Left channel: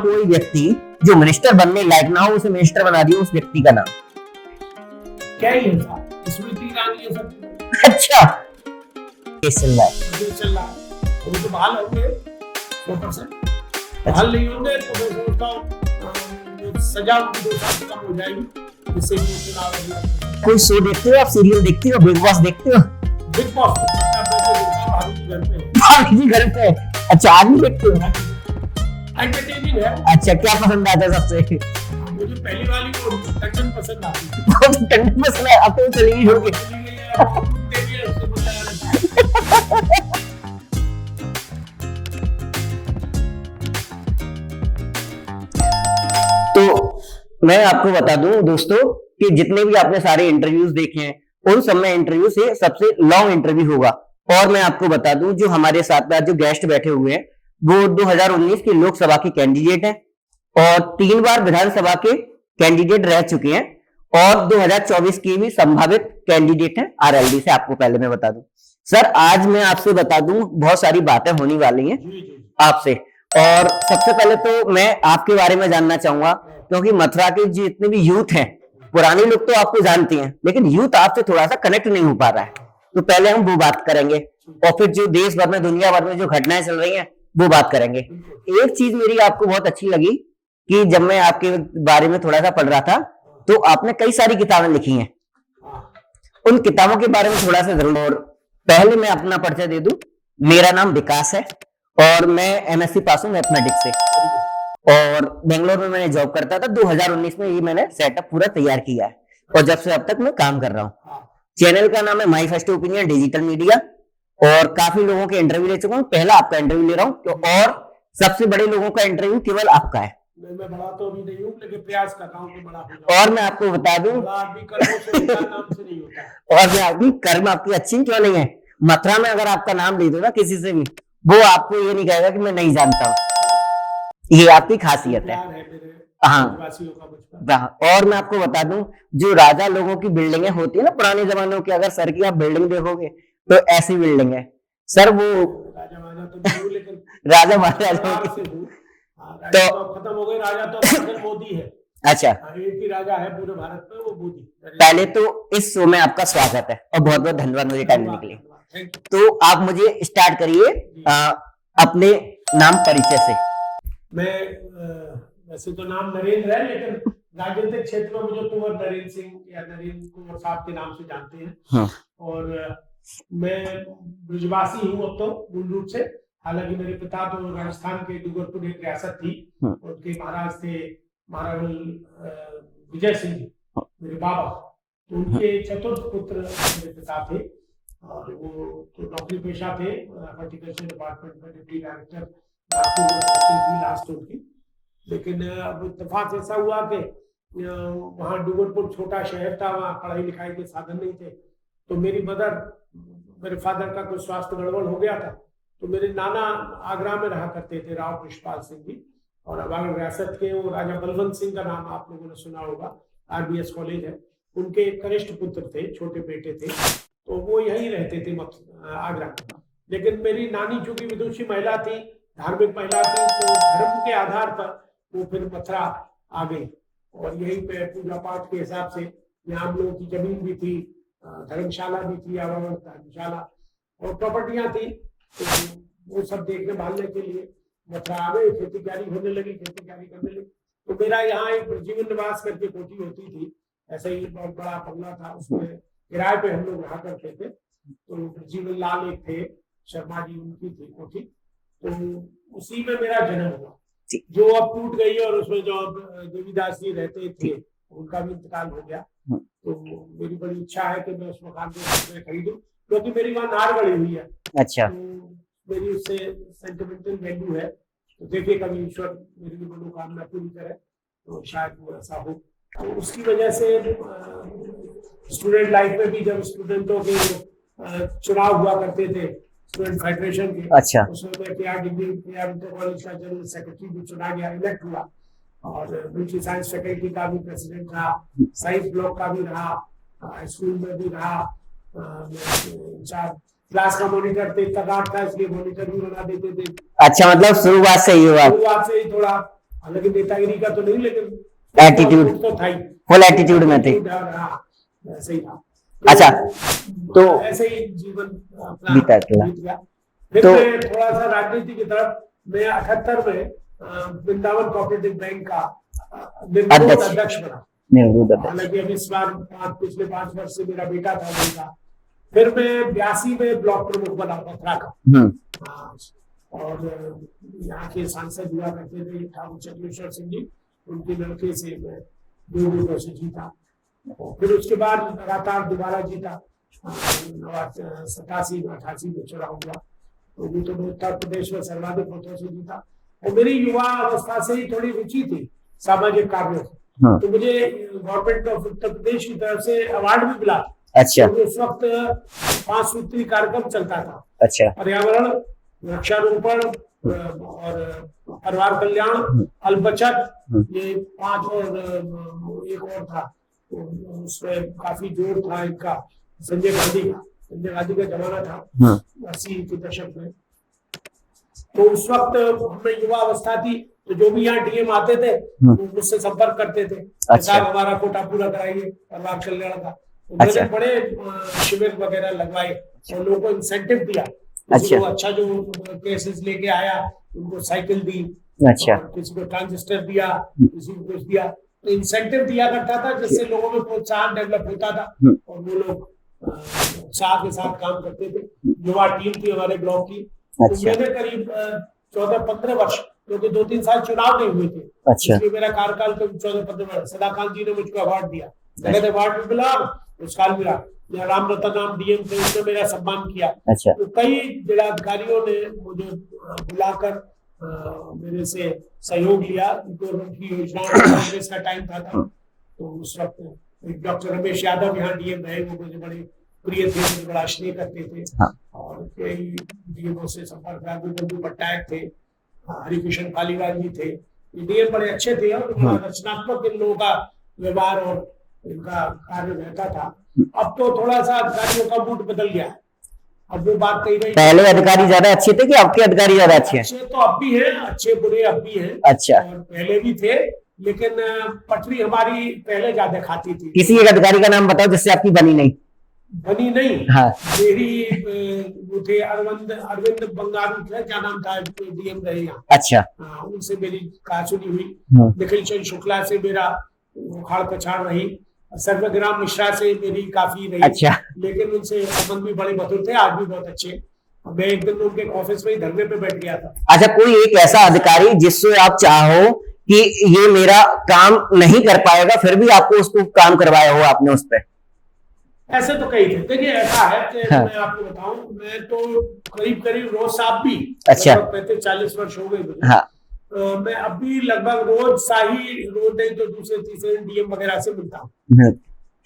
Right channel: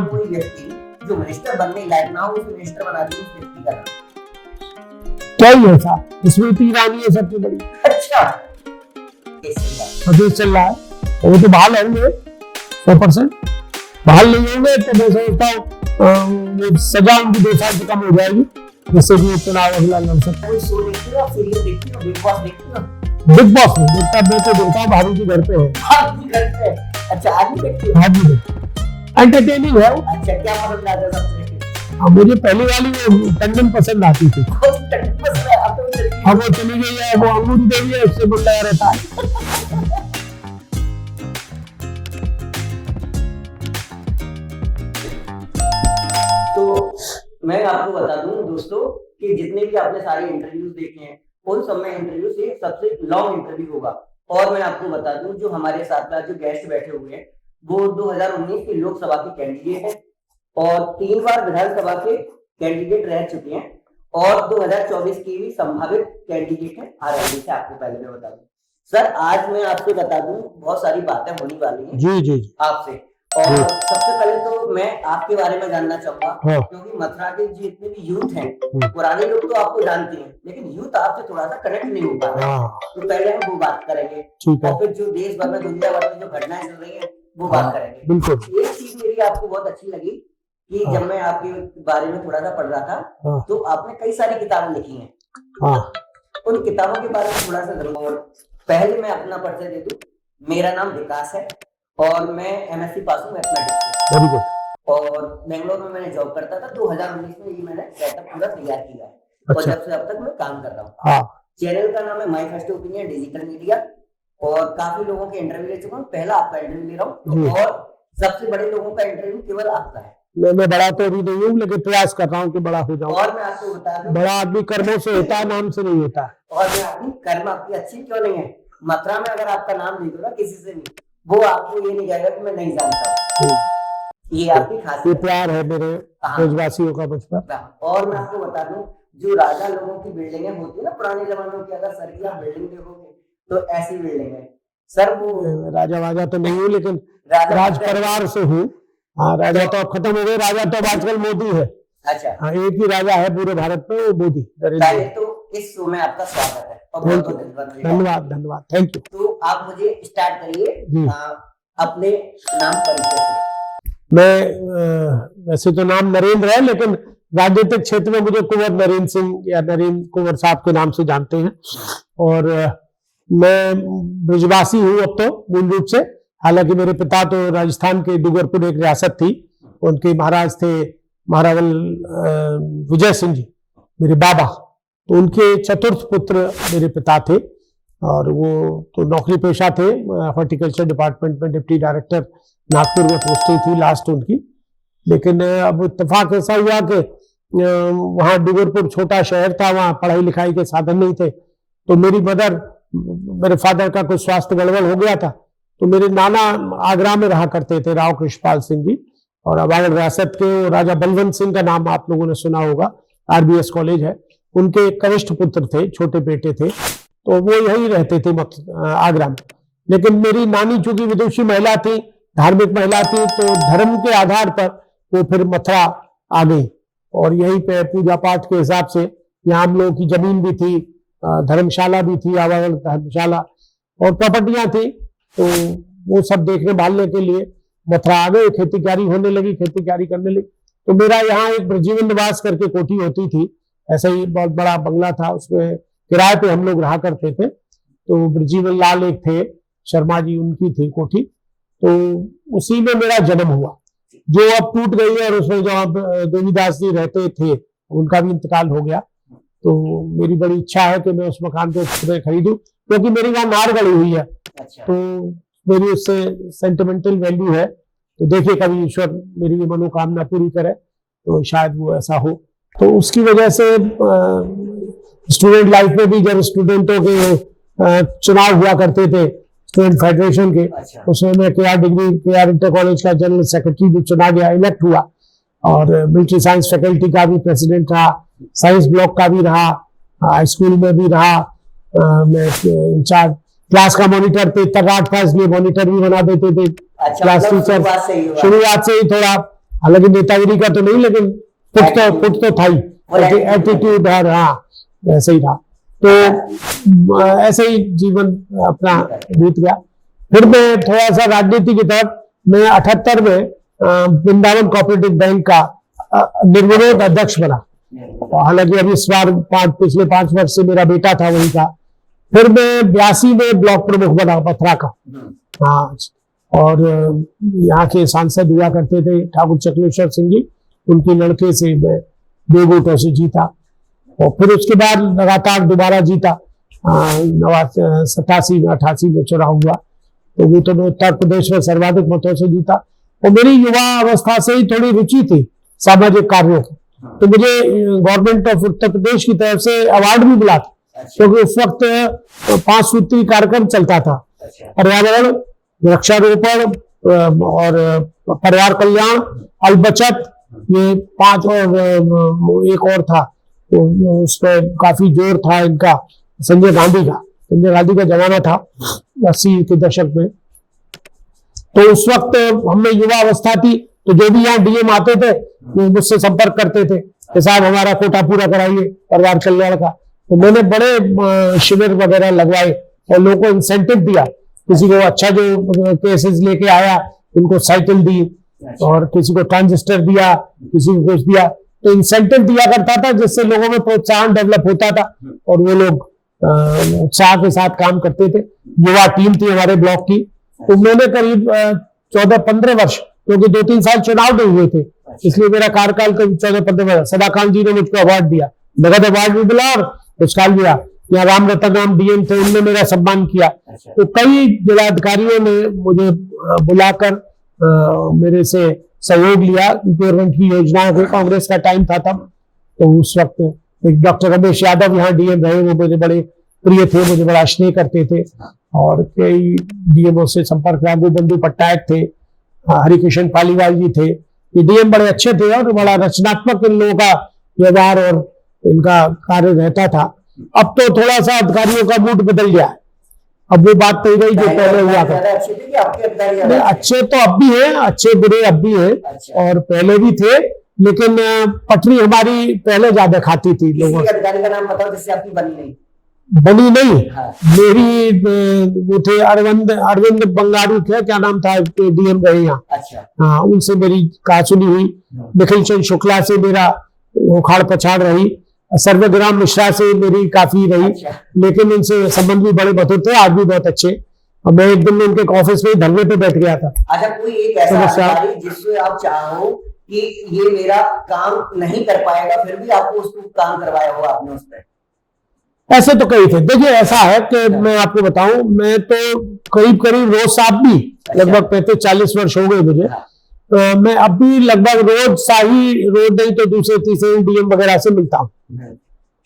नाम वही व्यक्ति जो मिनिस्टर बनने लायक ना हो, उसे मिनिस्टर बना दिया, उस व्यक्ति का नाम क्या ही है साहब, स्मृति ईरानी है सबसे बड़ी। अच्छा, केस चल रहा है, केस चल रहा है, वो तो बहाल होंगे 100%। बहाल नहीं होंगे तो मैं समझता हूँ सजा उनकी 2 साल से कम हो जाएगी, जिससे कि चुनाव अगला लड़ सकता। कोई शो देखते हो आप, सीरियल देखते हो, बिग बॉस देखते हो? बिग बॉस देखता देखता भाभी जी घर पे है। भाभी जी घर पे? अच्छा, आज भी देखते हो? भाभी जी एंटरटेनिंग है। अच्छा, क्या पसंद आता है सबसे? मुझे पहली वाली टंडन पसंद आती थी। टंडन पसंद है, अब तो चली गई, चली गई है, वो अमूल देवी है, उससे बुला रहता है। तो मैं आपको बता दूं दोस्तों कि जितने भी आपने सारे इंटरव्यूज देखे हैं, उन सब में इंटरव्यू से सबसे लॉन्ग इंटरव्यू होगा। और मैं आपको बता दूं, जो हमारे साथ में जो गेस्ट बैठे हुए हैं वो 2019 की लोकसभा के कैंडिडेट हैं और 3 बार विधानसभा के कैंडिडेट रह चुके हैं और 2024 की भी संभावित कैंडिडेट हैं आरएलडी से। आपको पहले मैं बता दूं सर, आज मैं आपसे बता दूं बहुत सारी बातें होने वाली हैं जी जी आपसे। और सबसे पहले तो मैं आपके बारे में जानना चाहूंगा, क्योंकि मथुरा के जितने भी यूथ हैं, पुराने लोग तो आपको जानते हैं, लेकिन यूथ आपसे थोड़ा सा कनेक्ट नहीं हो पा रहा है, तो पहले हम वो बात करेंगे और फिर जो देश भर में दुनिया भर में जो घटनाएं चल रही हैं वो बात करेंगे। एक चीज मेरी आपको बहुत अच्छी लगी कि जब मैं आपके बारे में थोड़ा सा पढ़ रहा था तो आपने कई सारी किताबें लिखी हैं, उन किताबों के बारे में थोड़ा सा जरूर। और पहले मैं अपना परिचय दे दूं, मेरा नाम विकास है और मैं एमएससी पास हूँ मैथमेटिक्स से और बेंगलोर में मैंने जॉब करता था। 2019 में ये मैंने सेटअप पूरा तैयार किया है और जब से अब तक मैं काम कर रहा हूँ। चैनल का नाम है my first opinion digital media और काफी लोगों के इंटरव्यू ले चुका हूँ, पहला आपका इंटरव्यू ले रहा हूँ और सबसे बड़े लोगों का इंटरव्यू केवल आपका है। मैं बड़ा तो अभी नहीं हूँ, लेकिन प्रयास कर रहा हूँ कि बड़ा हो जाऊं। और मैं आपको बता दूं, बड़ा आदमी कर्मों से होता है, नाम से नहीं होता। और मैं आदमी कर्म आपकी अच्छी क्यों नहीं है, मथुरा में अगर आपका नाम ले दो ना किसी से भी, वो आपको ये नहीं कहेगा कि मैं नहीं जानता हूँ। ये आपकी खासियत प्यार है मेरे देशवासियों का बचपन। और मैं आपको बता दूं, जो राजा लोगों की बिल्डिंगें होती है ना पुराने जमानों की, अगर सर की आप बिल्डिंग देखोगे तो ऐसी बिल्डिंग है सर। वो राजा वाजा तो नहीं हूँ, लेकिन राजा परिवार से हूँ। हाँ, राजा तो अब खत्म हो गए, राजा तो आजकल मोदी है। अच्छा, हाँ, एक ही राजा है पूरे भारत में, वो मोदी। पहले तो इस शो में आपका स्वागत है और बहुत बहुत धन्यवाद। धन्यवाद धन्यवाद, थैंक यू। तो आप मुझे स्टार्ट करिए अपने नाम परिचय से। मैं वैसे तो नाम नरेंद्र है, लेकिन राजनीतिक क्षेत्र में मुझे कुंवर नरेंद्र सिंह या नरेंद्र कुंवर साहब के नाम से जानते हैं। और मैं ब्रजवासी हूँ अब तो मूल रूप से, हालांकि मेरे पिता तो राजस्थान के डूंगरपुर एक रियासत थी, उनके महाराज थे महारावल विजय सिंह जी, मेरे बाबा, तो उनके चतुर्थ पुत्र मेरे पिता थे और वो तो नौकरी पेशा थे। हॉर्टिकल्चर डिपार्टमेंट में डिप्टी डायरेक्टर नागपुर में पोस्टिंग थी लास्ट उनकी। लेकिन अब इत्तेफाक ऐसा हुआ कि वहाँ डूंगरपुर छोटा शहर था, वहाँ पढ़ाई लिखाई के साधन नहीं थे, तो मेरे फादर का कुछ स्वास्थ्य गड़बड़ हो गया था, तो मेरे नाना आगरा में रहा करते थे, राव कृष्णपाल सिंह जी, और अबागढ़ रियासत के राजा बलवंत सिंह का नाम आप लोगों ने सुना होगा, आरबीएस कॉलेज है, उनके कनिष्ठ पुत्र थे, छोटे बेटे थे, तो वो यही रहते थे आगरा में। लेकिन मेरी नानी चूंकि विदुषी महिला थी, धार्मिक महिला थी, तो धर्म के आधार पर वो फिर मथुरा आ गई और यहीं पे पूजा पाठ के हिसाब से यहाँ हम लोगों की जमीन भी थी, धर्मशाला भी थी, आवागढ़ धर्मशाला और प्रॉपर्टियां थी, तो वो सब देखने भालने के लिए मथुरा आ गए। खेती बाड़ी होने लगी, खेती बाड़ी करने लगी, तो मेरा यहाँ एक ब्रजीवन निवास करके कोठी होती थी, ऐसा ही बहुत बड़ा बंगला था, उसमें किराए पे हम लोग रहा करते थे। तो ब्रजीवन लाल एक थे शर्मा जी, उनकी थी कोठी, तो उसी में मेरा जन्म हुआ, जो अब टूट गई है, और उसमें जो अब देवीदास जी रहते थे उनका भी इंतकाल हो गया। तो मेरी बड़ी इच्छा है कि मैं उस मकान को खरीदूं, क्योंकि मेरी वहां नार गड़ी हुई है। अच्छा, तो मेरी उससे सेंटिमेंटल वैल्यू है, तो देखिए कभी ईश्वर मेरी ये मनोकामना पूरी करे तो शायद वो ऐसा हो। तो उसकी वजह से स्टूडेंट लाइफ में भी जब स्टूडेंटों के चुनाव हुआ करते थे स्टूडेंट फेडरेशन के, अच्छा, उसमें मैं केआर इंटर कॉलेज का जनरल सेक्रेटरी भी चुना गया, इलेक्ट हुआ, और मिलिट्री साइंस फैकल्टी का भी प्रेसिडेंट रहा, साइंस ब्लॉक का भी रहा, स्कूल में भी रहा, मैं इंचार्ज क्लास का मॉनिटर थे, तर्राट था इसलिए मॉनिटर भी बना देते थे। अच्छा, मतलब शुरुआत से ही हुआ? शुरुआत से ही थोड़ा हालांकि नेतागिरी का तो नहीं, लेकिन कुछ तो था ही, एटीट्यूड। हाँ ऐसे ही था। तो ऐसे ही जीवन अपना बीत गया। फिर मैं थोड़ा सा राजनीति की तरफ, मैं 78 में वृंदावन कोऑपरेटिव बैंक का निर्विरोध अध्यक्ष बना। हालांकि अभी इस बार पिछले 5 वर्ष से मेरा बेटा था वही का। फिर मैं 82 में ब्लॉक प्रमुख बना मथुरा का। हाँ, और यहाँ के सांसद हुआ करते थे ठाकुर चक्लेश्वर सिंह जी, उनके लड़के से मैं 2 वोटों से जीता। और फिर उसके बाद लगातार दोबारा जीता। 87 में 88 में चुनाव हुआ, तो वो तो मैं उत्तर प्रदेश में सर्वाधिक मतों से जीता। और मेरी युवा अवस्था से ही थोड़ी रुचि थी सामाजिक कार्यों की। तो मुझे गवर्नमेंट ऑफ उत्तर प्रदेश की तरफ से अवार्ड भी मिला था। क्योंकि उस वक्त 5 सूत्री कार्यक्रम चलता था। पर्यावरण, वृक्षारोपण और परिवार कल्याण, अलबचत, ये 5 और एक और था, तो उस पर काफी जोर था इनका, संजय गांधी का जमाना था 80 के दशक में। तो उस वक्त हमें युवा अवस्था थी, तो जो भी यहाँ डीएम आते थे वो मुझसे संपर्क करते थे कि साहब हमारा कोटा पूरा कराइए परिवार कल्याण का। तो मैंने बड़े शिविर वगैरह लगवाए और लोगों को इंसेंटिव दिया। किसी को अच्छा जो केसेस लेके आया उनको साइकिल दी, और किसी को ट्रांजिस्टर दिया, किसी को कुछ दिया। तो इंसेंटिव दिया करता था, जिससे लोगों में प्रोत्साहन डेवलप होता था और वो लोग उत्साह के साथ काम करते थे। युवा टीम थी हमारे ब्लॉक की। तो मैंने करीब 14-15 वर्ष, क्योंकि 2-3 साल चुनाव नहीं हुए थे, इसलिए मेरा कार्यकाल करीब 14-15 वर्ष। सदाकांत जी ने मुझको अवार्ड दिया, नगद अवार्ड भी मिला और पुरस्कार मिला। यहाँ राम रतन राम डीएम थे, उनने मेरा सम्मान किया। तो कई जिलाधिकारियों ने मुझे बुलाकर मेरे से सहयोग लिया। गवर्नमेंट की योजनाएं, कांग्रेस का टाइम था तब, तो उस वक्त एक डॉक्टर रमेश यादव यहाँ डीएम रहे, वो मुझे बड़े प्रिय थे, मुझे बड़ा स्नेह करते थे। और कई डीएमओ से संपर्क रहा, गोबंधु पट्टायक थे, हरिकृष्ण पालीवाल जी थे। ये डीएम बड़े अच्छे थे और बड़ा रचनात्मक इन लोगों का व्यवहार और इनका कार्य रहता था। अब तो थोड़ा सा अधिकारियों का मूड बदल गया है। अब वो बात तो रही, पहले अधिकारी ज्यादा अच्छे थे कि आपके अधिकारी ज्यादा अच्छे? तो अब भी हैं, अच्छे बुरे अब भी हैं। और पहले भी थे, लेकिन पटरी हमारी पहले ज्यादा खाती थी। किसी एक अधिकारी का नाम बताओ जिससे आपकी बनी नहीं। हाँ। मेरी वो थे अरविंद बंगारू थे, क्या नाम था, डीएम रहे यहाँ। हाँ, उनसे मेरी कहा सुनी हुई। निखिल चंद शुक्ला से मेरा उखाड़ पछाड़ रही। सर्वग्राम मिश्रा से मेरी काफी रही। लेकिन उनसे संबंध भी बड़े मधुर थे, आज भी बहुत अच्छे। और मैं एक दिन उनके ऑफिस में धरने पे बैठ गया था। अच्छा, कोई एक ऐसा अधिकारी जिससे आप चाहो कि ये मेरा काम नहीं कर पाएगा, फिर भी आपको उसको काम करवाया हो आपने उस पर? ऐसे तो कई थे। देखिए, ऐसा है कि मैं आपको बताऊं, मैं तो करीब रोज साहब भी लगभग 35-40 वर्ष हो गए मुझे। मैं अब भी लगभग रोज नहीं तो दूसरे तीसरे डीएम वगैरह से मिलता हूँ।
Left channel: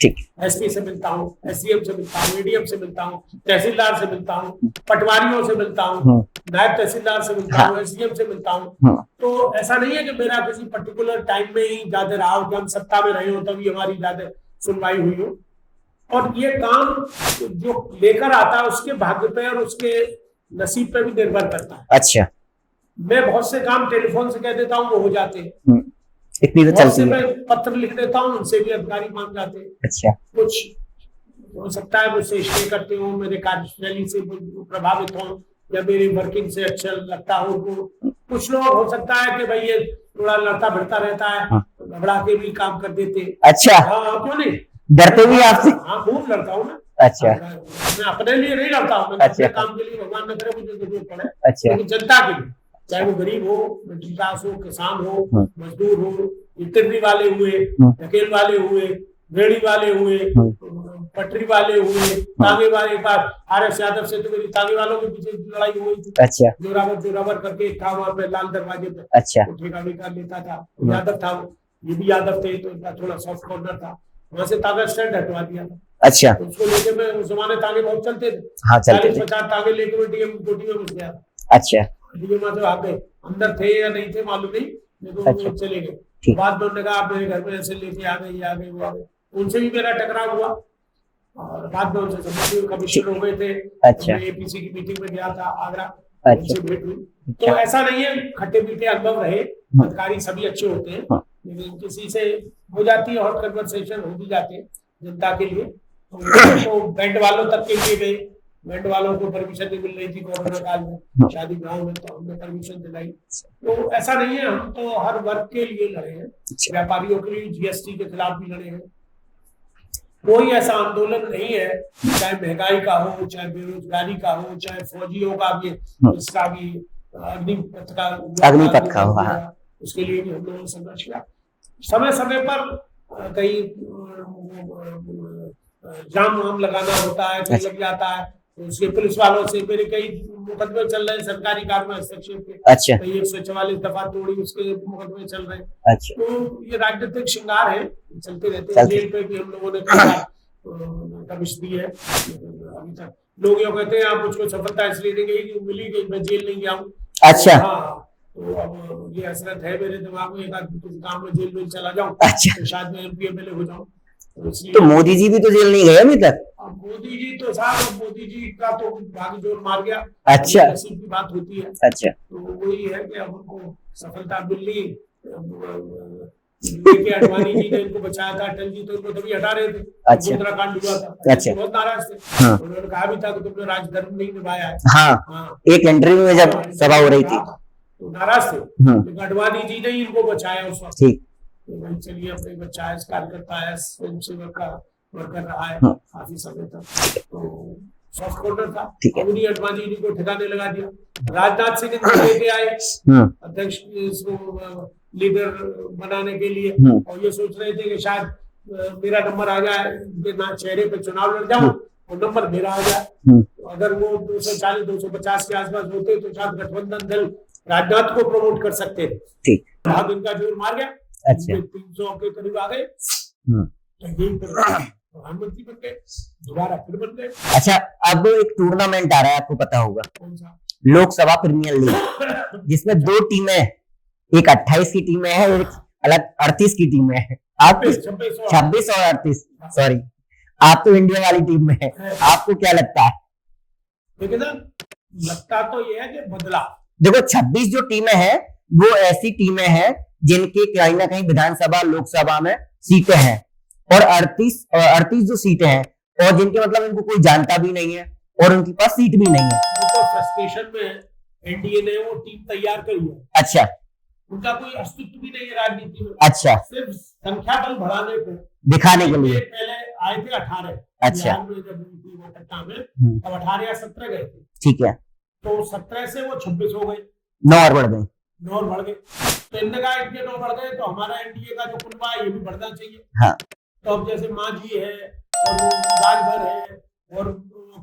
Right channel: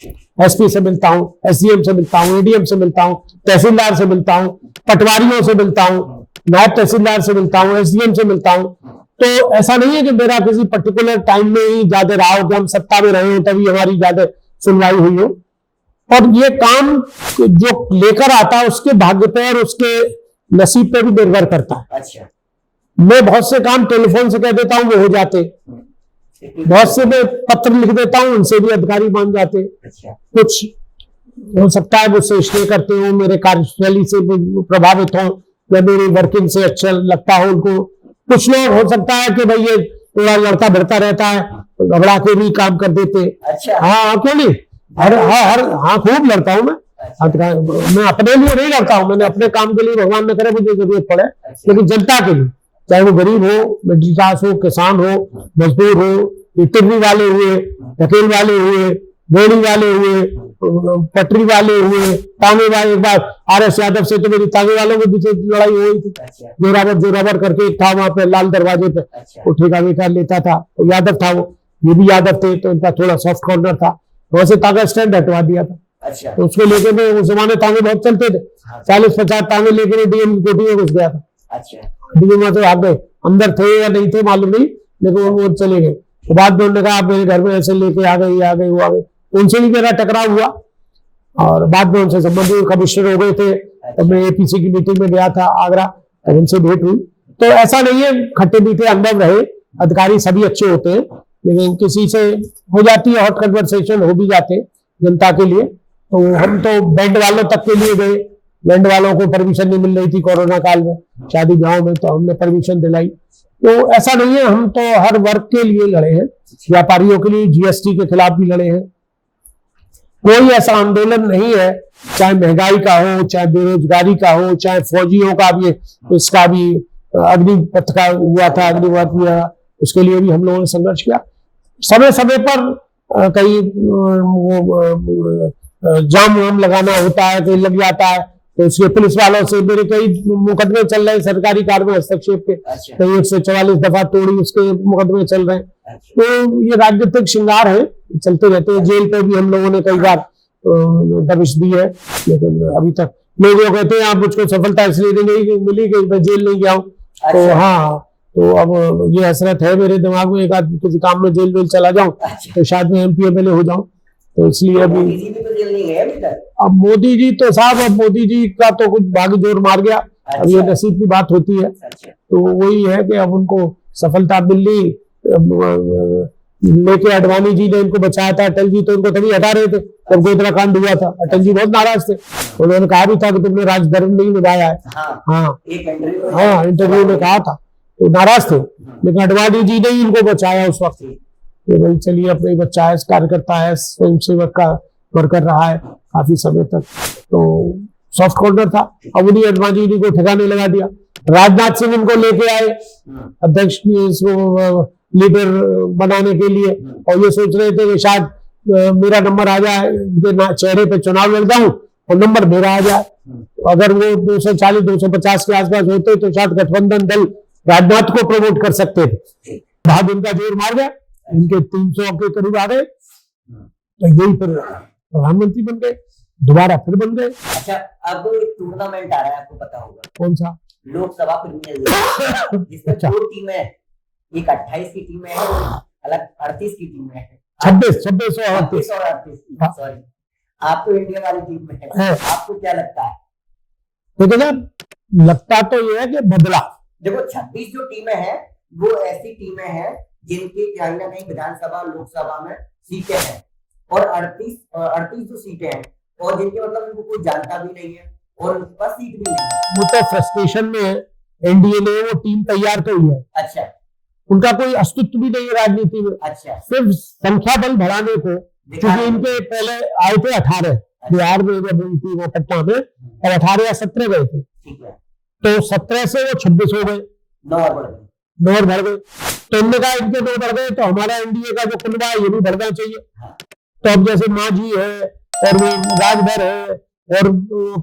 ठीक। एसपी से मिलता हूँ, एसडीएम से मिलता हूँ, एडीएम से मिलता हूँ, तहसीलदार से मिलता हूँ, पटवारियों से मिलता हूँ, नायब तहसीलदार से मिलता हूँ, एसडीएम से मिलता हूँ। तो ऐसा नहीं है कि मेरा किसी पर्टिकुलर टाइम में ही ज्यादा रहा हो, कि हम सत्ता में रहे हो तभी हमारी ज्यादा सुनवाई हुई हो। और ये काम जो लेकर आता है उसके भाग्य पे और उसके नसीब पे भी निर्भर करता है। अच्छा। मैं बहुत से काम टेलीफोन से कह देता हूँ, वो हो जाते। बहुत से मैं पत्र लिख देता हूँ, उनसे भी अधिकारी मान जाते। अच्छा। कुछ हो सकता है मुझसे इसलिए करते हो, मेरे कार्यशैली से प्रभावित हो या मेरी वर्किंग से अच्छा लगता हो उनको। कुछ लोग हो सकता है कि भाई ये थोड़ा लड़ता भिड़ता रहता है, घबरा के भी काम कर देते। अच्छा। हाँ, क्यों नहीं? हाँ, खूब लड़ता हूँ मैं। अच्छा। मैं अपने लिए नहीं करता हूँ, मैंने अपने काम के लिए, भगवान न करे मुझे जरूरत पड़े, लेकिन जनता के लिए, चाहे वो गरीब हो, मिडिल क्लास हो, किसान हो, मजदूर हो, टिर्री वाले हुए, ढकेल वाले हुए, रेहड़ी वाले हुए, पटरी वाले हुए, तांगे वाले। एक बार आर.एस. यादव से तो मेरी तांगे वालों के पीछे लड़ाई हुई थी। अच्छा। जोरावर करके एक था वहां पे लाल दरवाजे पे। अच्छा। वो ठेका वेका लेता था, तो यादव था वो, ये भी यादव थे, तो इनका थोड़ा सॉफ्ट कॉर्नर था, वहां से तांगा स्टैंड हटवा दिया था। अच्छा। तो उसको लेके मैं, उस जमाने तांगे बहुत चलते थे, 40-50 तांगे लेके डीएम की कोठी में घुस गया था। अच्छा। डीएम तो आ गए, अंदर थे या नहीं थे मालूम नहीं, लेकिन वो चले गए। तो बाद में उन्होंने कहा आप मेरे घर में ऐसे लेके आ गए, वो आ गए। उनसे भी मेरा टकराव हुआ और बाद में उनसे संबंधित कमिश्नर हो गए थे। तब मैं एपीसी की मीटिंग में गया था आगरा, उनसे भेंट हुई। तो ऐसा नहीं है, खट्टे मीठे अनुभव रहे, अधिकारी सभी अच्छे होते हैं, लेकिन किसी से हो जाती है हॉट कन्वर्सेशन, हो भी जाते हैं जनता के लिए। तो हम तो बैंड वालों तक के लिए गए, बैंड वालों को परमिशन नहीं मिल रही थी कोरोना काल में शादी ब्याह में, तो हमने परमिशन दिलाई। तो ऐसा नहीं है, हम तो हर वर्ग के लिए लड़े हैं, व्यापारियों के लिए जीएसटी के खिलाफ भी लड़े हैं। कोई ऐसा आंदोलन नहीं है, चाहे महंगाई का हो, चाहे बेरोजगारी का हो, चाहे फौजियों का भी, इसका भी अग्निपथ का हुआ था, अग्निपथ हुआ, उसके लिए भी हम लोगों ने संघर्ष किया। समय समय पर कई जाम वाम लगाना होता है, कहीं लग जाता है, तो उसके पुलिस वालों से मेरे कई मुकदमे चल रहे हैं सरकारी कार्य में हस्तक्षेप के। अच्छा। कई 144 दफा तोड़ी उसके मुकदमे चल रहे हैं। अच्छा। तो ये राजनीतिक श्रृंगार है, चलते रहते हैं। जेल पे भी हम लोगों ने कई बार दबिश दी है, लेकिन अभी तक लोग जो कहते हैं आप मुझको सफलता इसलिए नहीं मिली कि मैं जेल नहीं गया हूँ। अच्छा। तो हाँ, तो अब ये हसरत है मेरे दिमाग में, एक आदमी किसी काम में जेल वेल चला जाऊं। अच्छा। तो शायद मैं एमपी एमएलए हो जाऊं, तो इसलिए। तो मोदी जी भी तो जेल नहीं गए अभी तक। अब मोदी जी तो साहब, अब मोदी जी का तो कुछ भाग्य जोर मार गया। अच्छा। ये नसीब की बात होती है। अच्छा। तो वही है कि अब उनको सफलता मिल ली, लेके अडवाणी जी ने इनको बचाया था। अटल जी तो इनको तभी हटा रहे थे जब गोधरा कांड हुआ था। अटल जी बहुत नाराज थे। उन्होंने कहा भी था कि तुमने राजधर्म नहीं निभाया है। हाँ, एक इंटरव्यू में इंटरव्यू में कहा था, तो नाराज थे। लेकिन अडवाणी जी ने ही इनको बचाया उस वक्त। भाई चलिए, अपने ही बच्चा है, कार्यकर्ता है, स्वयं सेवक का वर्कर रहा है काफी समय तक, तो सॉफ्ट कॉर्नर था। अब उन्हीं अडवाणी जी को ठिकाने लगा दिया। राजनाथ सिंह इनको लेके आए अध्यक्ष लीडर बनाने के लिए, और ये सोच रहे थे कि शायद मेरा नंबर आ जाए, चेहरे पे चुनाव लड़ जाऊं और नंबर मेरा आ जाए। अगर वो 240-250 के आसपास होते तो शायद गठबंधन दल राजनाथ को प्रमोट कर सकते थे। बाद उनका जोर मार गया। इनके 300 के करीब आ गए, तो यही फिर प्रधानमंत्री बन गए, दोबारा फिर बन गए। अच्छा, अब एक टूर्नामेंट आ रहा है, आपको पता होगा। कौन सा? लोकसभा प्रीमियर लीग, जिसमें 2 टीमें, एक 28 की टीमें है, एक अलग 38 की टीमें है। 26 और 38, सॉरी। आप तो इंडिया वाली टीम में है, आपको क्या लगता है? तो ना, लगता तो ये है कि बदला। देखो, 26 जो टीमें हैं वो ऐसी टीमें हैं जिनके कहीं ना कहीं विधानसभा लोकसभा में सीटें हैं, और 38 जो सीटें हैं, और जिनके मतलब उनको कोई जानता भी नहीं है और उनके पास सीट भी नहीं है। वो तो फ्रस्ट्रेशन में है। एनडीए ने वो टीम तैयार कर है। अच्छा। उनका कोई अस्तित्व भी नहीं है राजनीति में। अच्छा। सिर्फ संख्या बल बढ़ाने को दिखाने के लिए। पहले आए थे 18 बिहार में, जब उनकी वो पटना में, और 18 या 17 गए थे। ठीक है। तो 17 से वो 26 हो गए, 9 और बढ़ गए। 9 और बढ़ गए। तो इनने कहा इनके 2 बढ़ गए तो हमारा एनडीए का जो कुनबा है ये भी बढ़ना चाहिए। हाँ। तो अब जैसे मांझी है, और वो राजभर है, और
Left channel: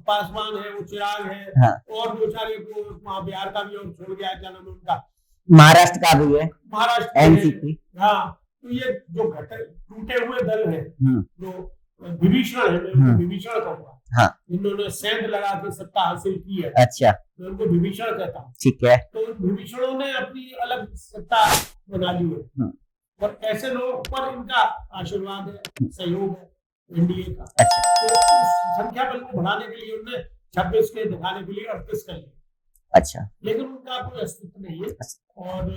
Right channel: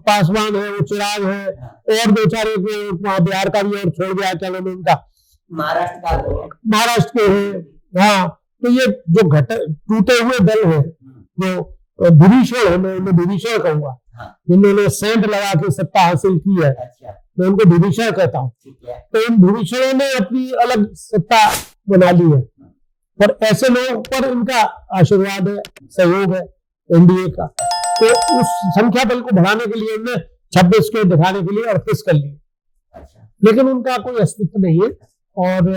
पासवान है, वो चिराग है, हाँ। और 2-4 एक बिहार का भी और छोड़ दिया, क्या नाम है उनका, महाराष्ट्र का भी है, महाराष्ट्र के है। हाँ, तो ये जो टूटे हुए दल है, जो भूभीषण है, मैं इन्हें भूभीषण कहूंगा। हाँ। जिन्होंने सेंध लगा के सत्ता हासिल की है। अच्छा। मैं उनको भूभीषण कहता हूँ। ठीक है। तो इन भूभीषणों ने अपनी अलग सत्ता बना ली है, और ऐसे लोगों पर इनका आशीर्वाद है, सहयोग है एनडीए का। तो उस संख्या बल को बढ़ाने के लिए उन्होंने 26 के दिखाने के लिए 38 कर लिए। अच्छा। लेकिन उनका कोई अस्तित्व नहीं है। और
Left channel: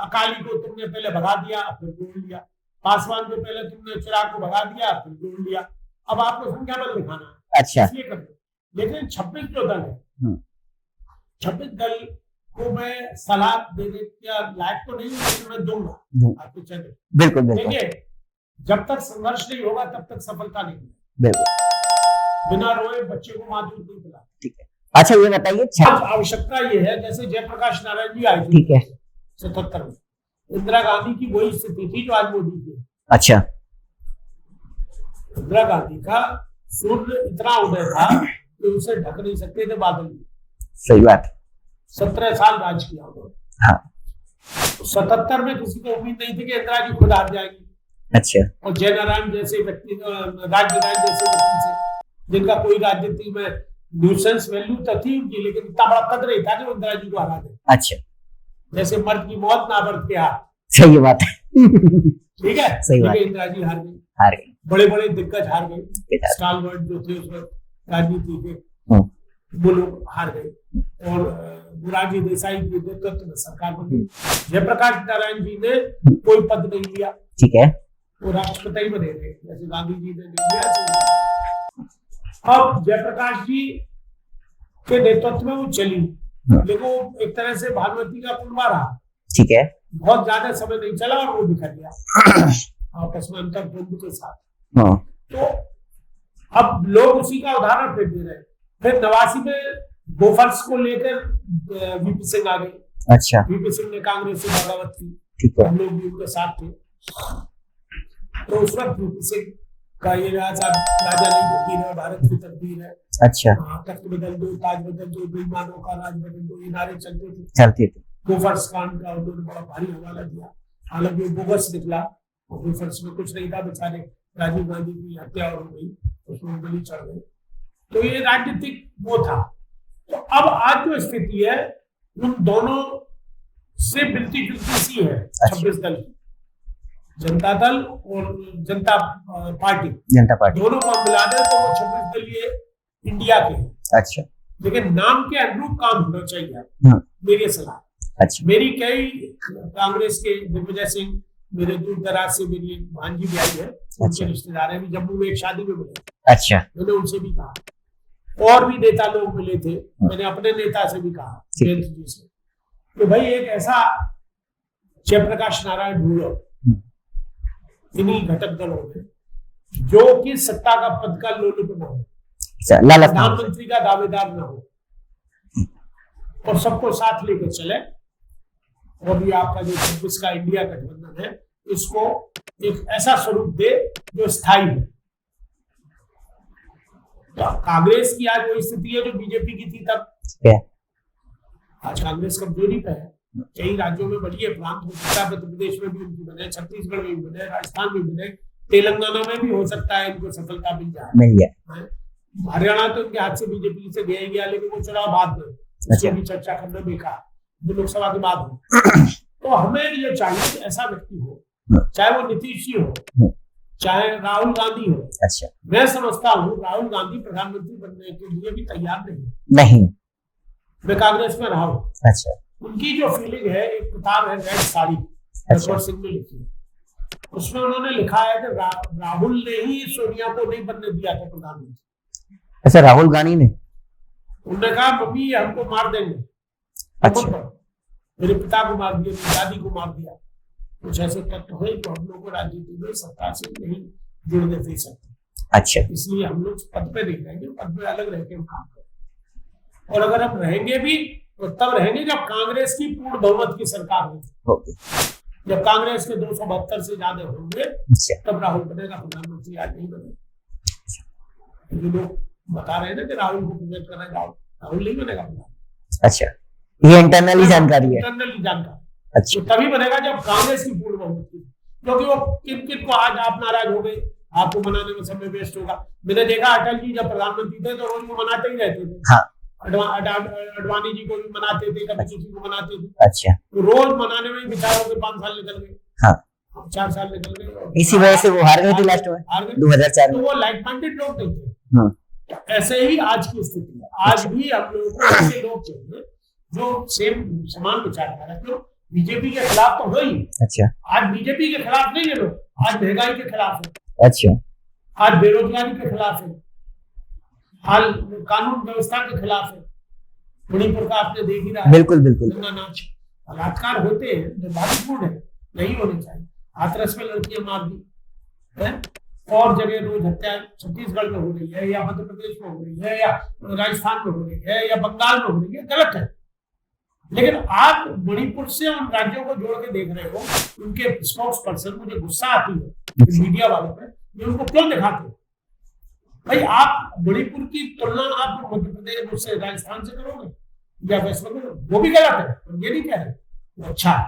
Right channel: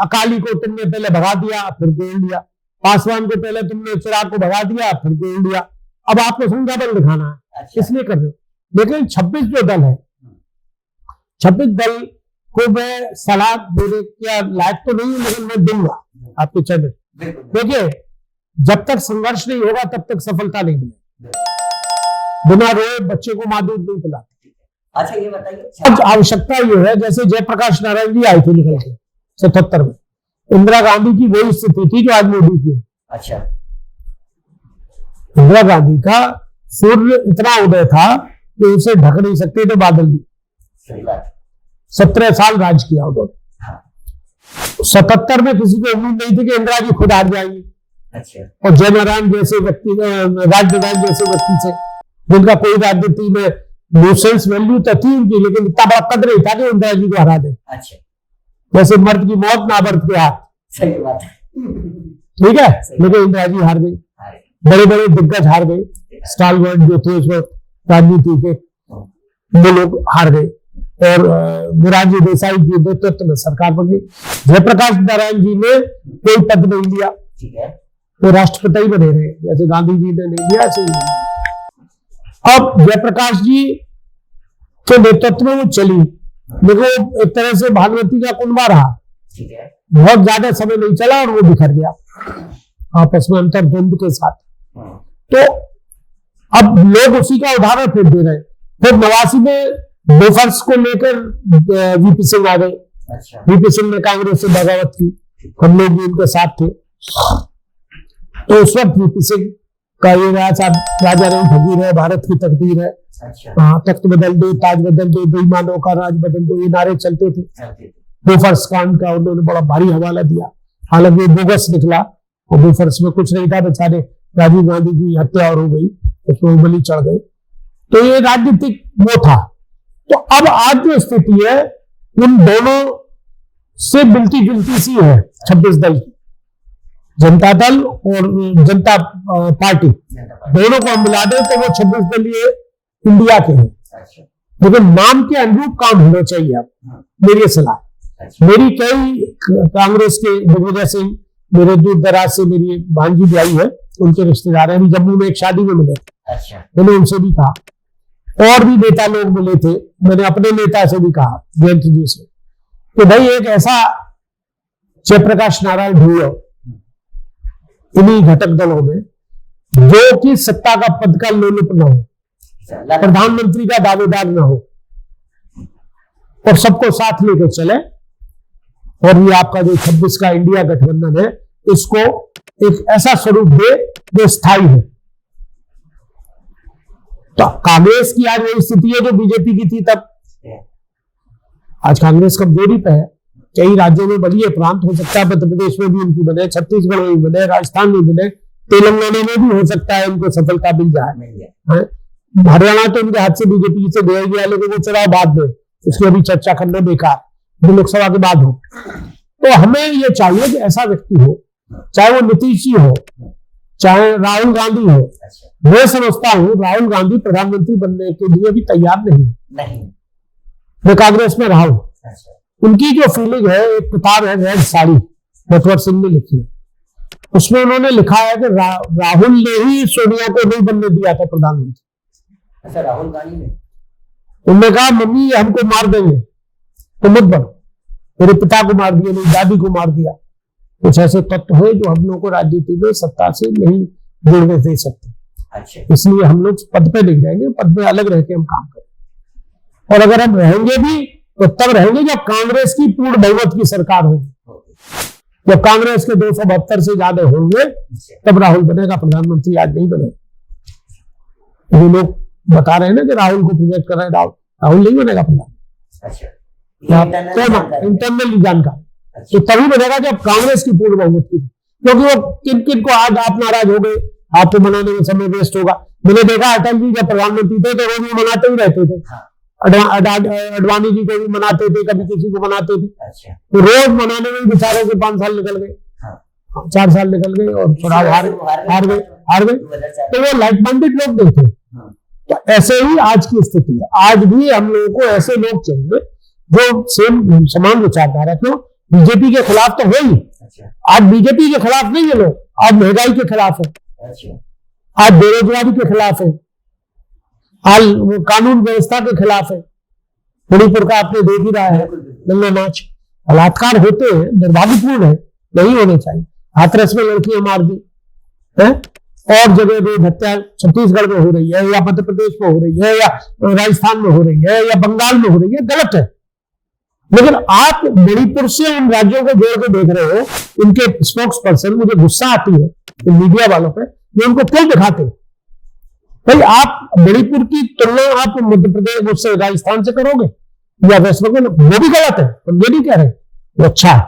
अकाली को तुमने पहले भगा दिया, फिर जोड़ लिया। पासवान को पहले तुमने चिराग को भगा दिया, फिर जोड़ लिया। अब आपको संख्या बल दिखाना है। अच्छा। इसलिए कर रहे। लेकिन 26 जो दल है, 26 दल को मैं सलाह देने के लायक तो नहीं, लेकिन मैं दूंगा आपके चैनल। बिल्कुल। देखिए, जब तक संघर्ष नहीं होगा तब तक सफलता नहीं मिलेगी। बिना रोए बच्चे को माँ दूध नहीं पिलाती। ठीक है। अच्छा, ये बताइए, आवश्यकता ये है, जैसे जयप्रकाश नारायण जी आए थे 77 में, इंदिरा गांधी की वही स्थिति थी जो आज मोदी की। अच्छा। इंदिरा गांधी का सूर्य इतना उदय था कि उसे ढक नहीं सकते थे बादल भी। सही बात। 17 साल राज किया उन्होंने। हाँ। 77 में किसी को उम्मीद नहीं थी कि इंदिरा जी खुद हार जाएंगी। अच्छा। और जयनारायण जैसे व्यक्ति, राजनारायण जैसे व्यक्ति से, जिनका कोई राजनीति में न्यूसेंस वैल्यू तो थी उनकी, लेकिन इतना बड़ा कद नहीं था कि इंदिरा जी को हरा दे। अच्छा। जैसे मर्द की मौत ना मर्द के हाथ। सही बात है। ठीक है। लेकिन इंदिरा जी हार गई। बड़े बड़े दिग्गज हार गए, स्टालवर्ड जो थे उस वक्त राजनीति के, वो लोग हार गए। और मोरारजी देसाई के नेतृत्व में सरकार बनी। जयप्रकाश नारायण जी ने कोई पद नहीं लिया, ठीक है, वो राष्ट्रपति ही बने रहे, जैसे गांधी जी ने नहीं लिया ऐसे ही नहीं। अब जयप्रकाश जी के नेतृत्व में वो चली, लेकिन एक तरह से भागवती का कुनबा रहा, ठीक है, बहुत ज्यादा समय नहीं चला और वो बिखर गया आपस में अंतर्द्वंद के साथ। हाँ। तो अब लोग उसी का उदाहरण फिर दे रहे हैं। फिर 89 में बोफर्स को लेकर वीपी सिंह आ गए। अच्छा, वीपी सिंह ने कांग्रेस से बगावत की, ठीक है, हम लोग भी उनके साथ थे। तो उस वक्त वीपी सिंह का ये राजा रही फकीर है, भारत की तकदीर है, अच्छा, हाँ, तख्त बदल दो, ताज बदल दो, बेईमानों का राज बदल दो, ये नारे चलते थे। बोफर्स कांड का उन्होंने बड़ा भारी हवाला दिया, हालांकि बोगस निकला और बोफर्स में कुछ नहीं था, बेचारे राजीव गांधी की हत्या और हो गई, उसमें उंगली चढ़ गई। तो ये राजनीतिक वो था। तो अब आज जो स्थिति है उन दोनों से मिलती जुलती सी है 26 दल की, जनता दल और जनता पार्टी दोनों को मिला दे तो वो 26 दलीय इंडिया के हैं। अच्छा, लेकिन नाम के अनुरूप काम होना चाहिए। आप मेरी सलाह, अच्छा, मेरी कई कांग्रेस के दिग्विजय सिंह मेरे दूर दराज से मेरी भांजी भी आई है, उनके रिश्तेदार हैं, जम्मू में एक शादी में मिले। अच्छा, मैंने उनसे भी कहा, और भी नेता लोग मिले थे, मैंने अपने नेता से भी कहा, जयंत जी से, कि भाई एक ऐसा जयप्रकाश नारायण ढूंढो इन्हीं घटक दलों में जो कि सत्ता का पद का लोलुप न हो, प्रधानमंत्री का दावेदार न हो, और सबको साथ लेकर चले। और ये आपका जो 26 का इंडिया गठबंधन है, इसको एक ऐसा स्वरूप दे जो स्थायी है। तो कांग्रेस की आज वही स्थिति है जो बीजेपी की थी तब। आज कांग्रेस कमजोरी पे है, कई राज्यों में बनी है, प्रांत हो सकता है मध्य प्रदेश में भी उनकी बने, छत्तीसगढ़ में भी बने, राजस्थान में बने, तेलंगाना में भी हो सकता है उनको सफलता मिल जाए। हरियाणा तो उनके हाथ से बीजेपी से गया गया, लेकिन वो चुनाव बाद में, इसलिए अभी चर्चा करना बेकार, जो लोकसभा के बाद हो। तो हमें ये चाहिए कि ऐसा व्यक्ति हो, चाहे वो नीतीश जी हो, चाहे राहुल गांधी हो। अच्छा, मैं समझता हूँ राहुल गांधी प्रधानमंत्री बनने के लिए भी तैयार नहीं। मैं कांग्रेस में रहा हूं। अच्छा, उनकी जो फीलिंग है, एक किताब है रेड साड़ी, नटवर सिंह ने लिखी है, उसमें उन्होंने लिखा है कि राहुल ने ही सोनिया को नहीं बनने दिया था प्रधानमंत्री। अच्छा, राहुल गांधी ने, उन्होंने कहा मम्मी हमको मार देंगे, मत बन, मेरे पिता को मार दिया, मेरी दादी को मार दिया। कुछ ऐसे तत्व है जो हम लोग को राजनीति में सत्ता से नहीं जुड़ने दे सकते। अच्छा, इसलिए हम लोग पद पे नहीं रहेंगे, पद पे अलग रह के हम काम करें। और अगर हम रहेंगे भी तो तब रहेंगे जब कांग्रेस की पूर्ण बहुमत की सरकार होगी। जब कांग्रेस के 272 से ज्यादा होंगे तब राहुल बनेगा, प्रधानमंत्री आज नहीं बनेगा। ये लोग बता रहे हैं ना कि राहुल को प्रोजेक्ट कर रहे हैं, राहुल नहीं बनेगा प्रधानमंत्री। अच्छा, ये इंटरनली जानकारी। अच्छा, तो तभी बनेगा जब कांग्रेस की पूर्ण बहुमत की, क्योंकि वो किन किन को आज आप नाराज हो गए, आपको मनाने में समय वेस्ट होगा। मैंने देखा अटल जी जब प्रधानमंत्री थे तो रोज मनाते ही रहते थे। हाँ। अडवाणी जी को भी मनाते थे, कभी किसी को मनाते थे। अच्छा, तो रोज मनाने में बेचारे के 5 साल निकल गए। हाँ, 4 साल निकल गए और इसी वजह से वो हार गए 2004। तो वो लाइक माइंडेड लोग नहीं थे। तो ऐसे ही आज की स्थिति है। आज भी हम लोगों को ऐसे लोग चाहिए जो सेम समान विचारधारा। क्यों? बीजेपी के खिलाफ तो है ही। अच्छा, आज बीजेपी के खिलाफ नहीं है लोग, आज महंगाई के खिलाफ है। अच्छा, आज बेरोजगारी के खिलाफ है, आज कानून व्यवस्था के खिलाफ है। मणिपुर का आपने देख ही रहा है। बिल्कुल बिल्कुल, नंगा नाच, बलात्कार होते हैं, दुर्भाग्यपूर्ण है, नहीं होने चाहिए। हाथरस में लड़कियां मार दी है, और जगह पे हत्या छत्तीसगढ़ में हो रही है, या मध्य प्रदेश में हो रही है, या राजस्थान में हो रही है, या बंगाल में हो रही है, गलत है। लेकिन आप मणिपुर से उन राज्यों को जोड़ के देख रहे हो, उनके स्पोक्स पर्सन, मुझे गुस्सा आती है मीडिया वालों पे, जो उनको क्यों दिखाते। भाई आप मणिपुर की तुलना आप मध्य प्रदेश उससे राजस्थान से करोगे या वेस्ट बंगाल, वो भी गलत है। तो ये नहीं कह रहे वो अच्छा है,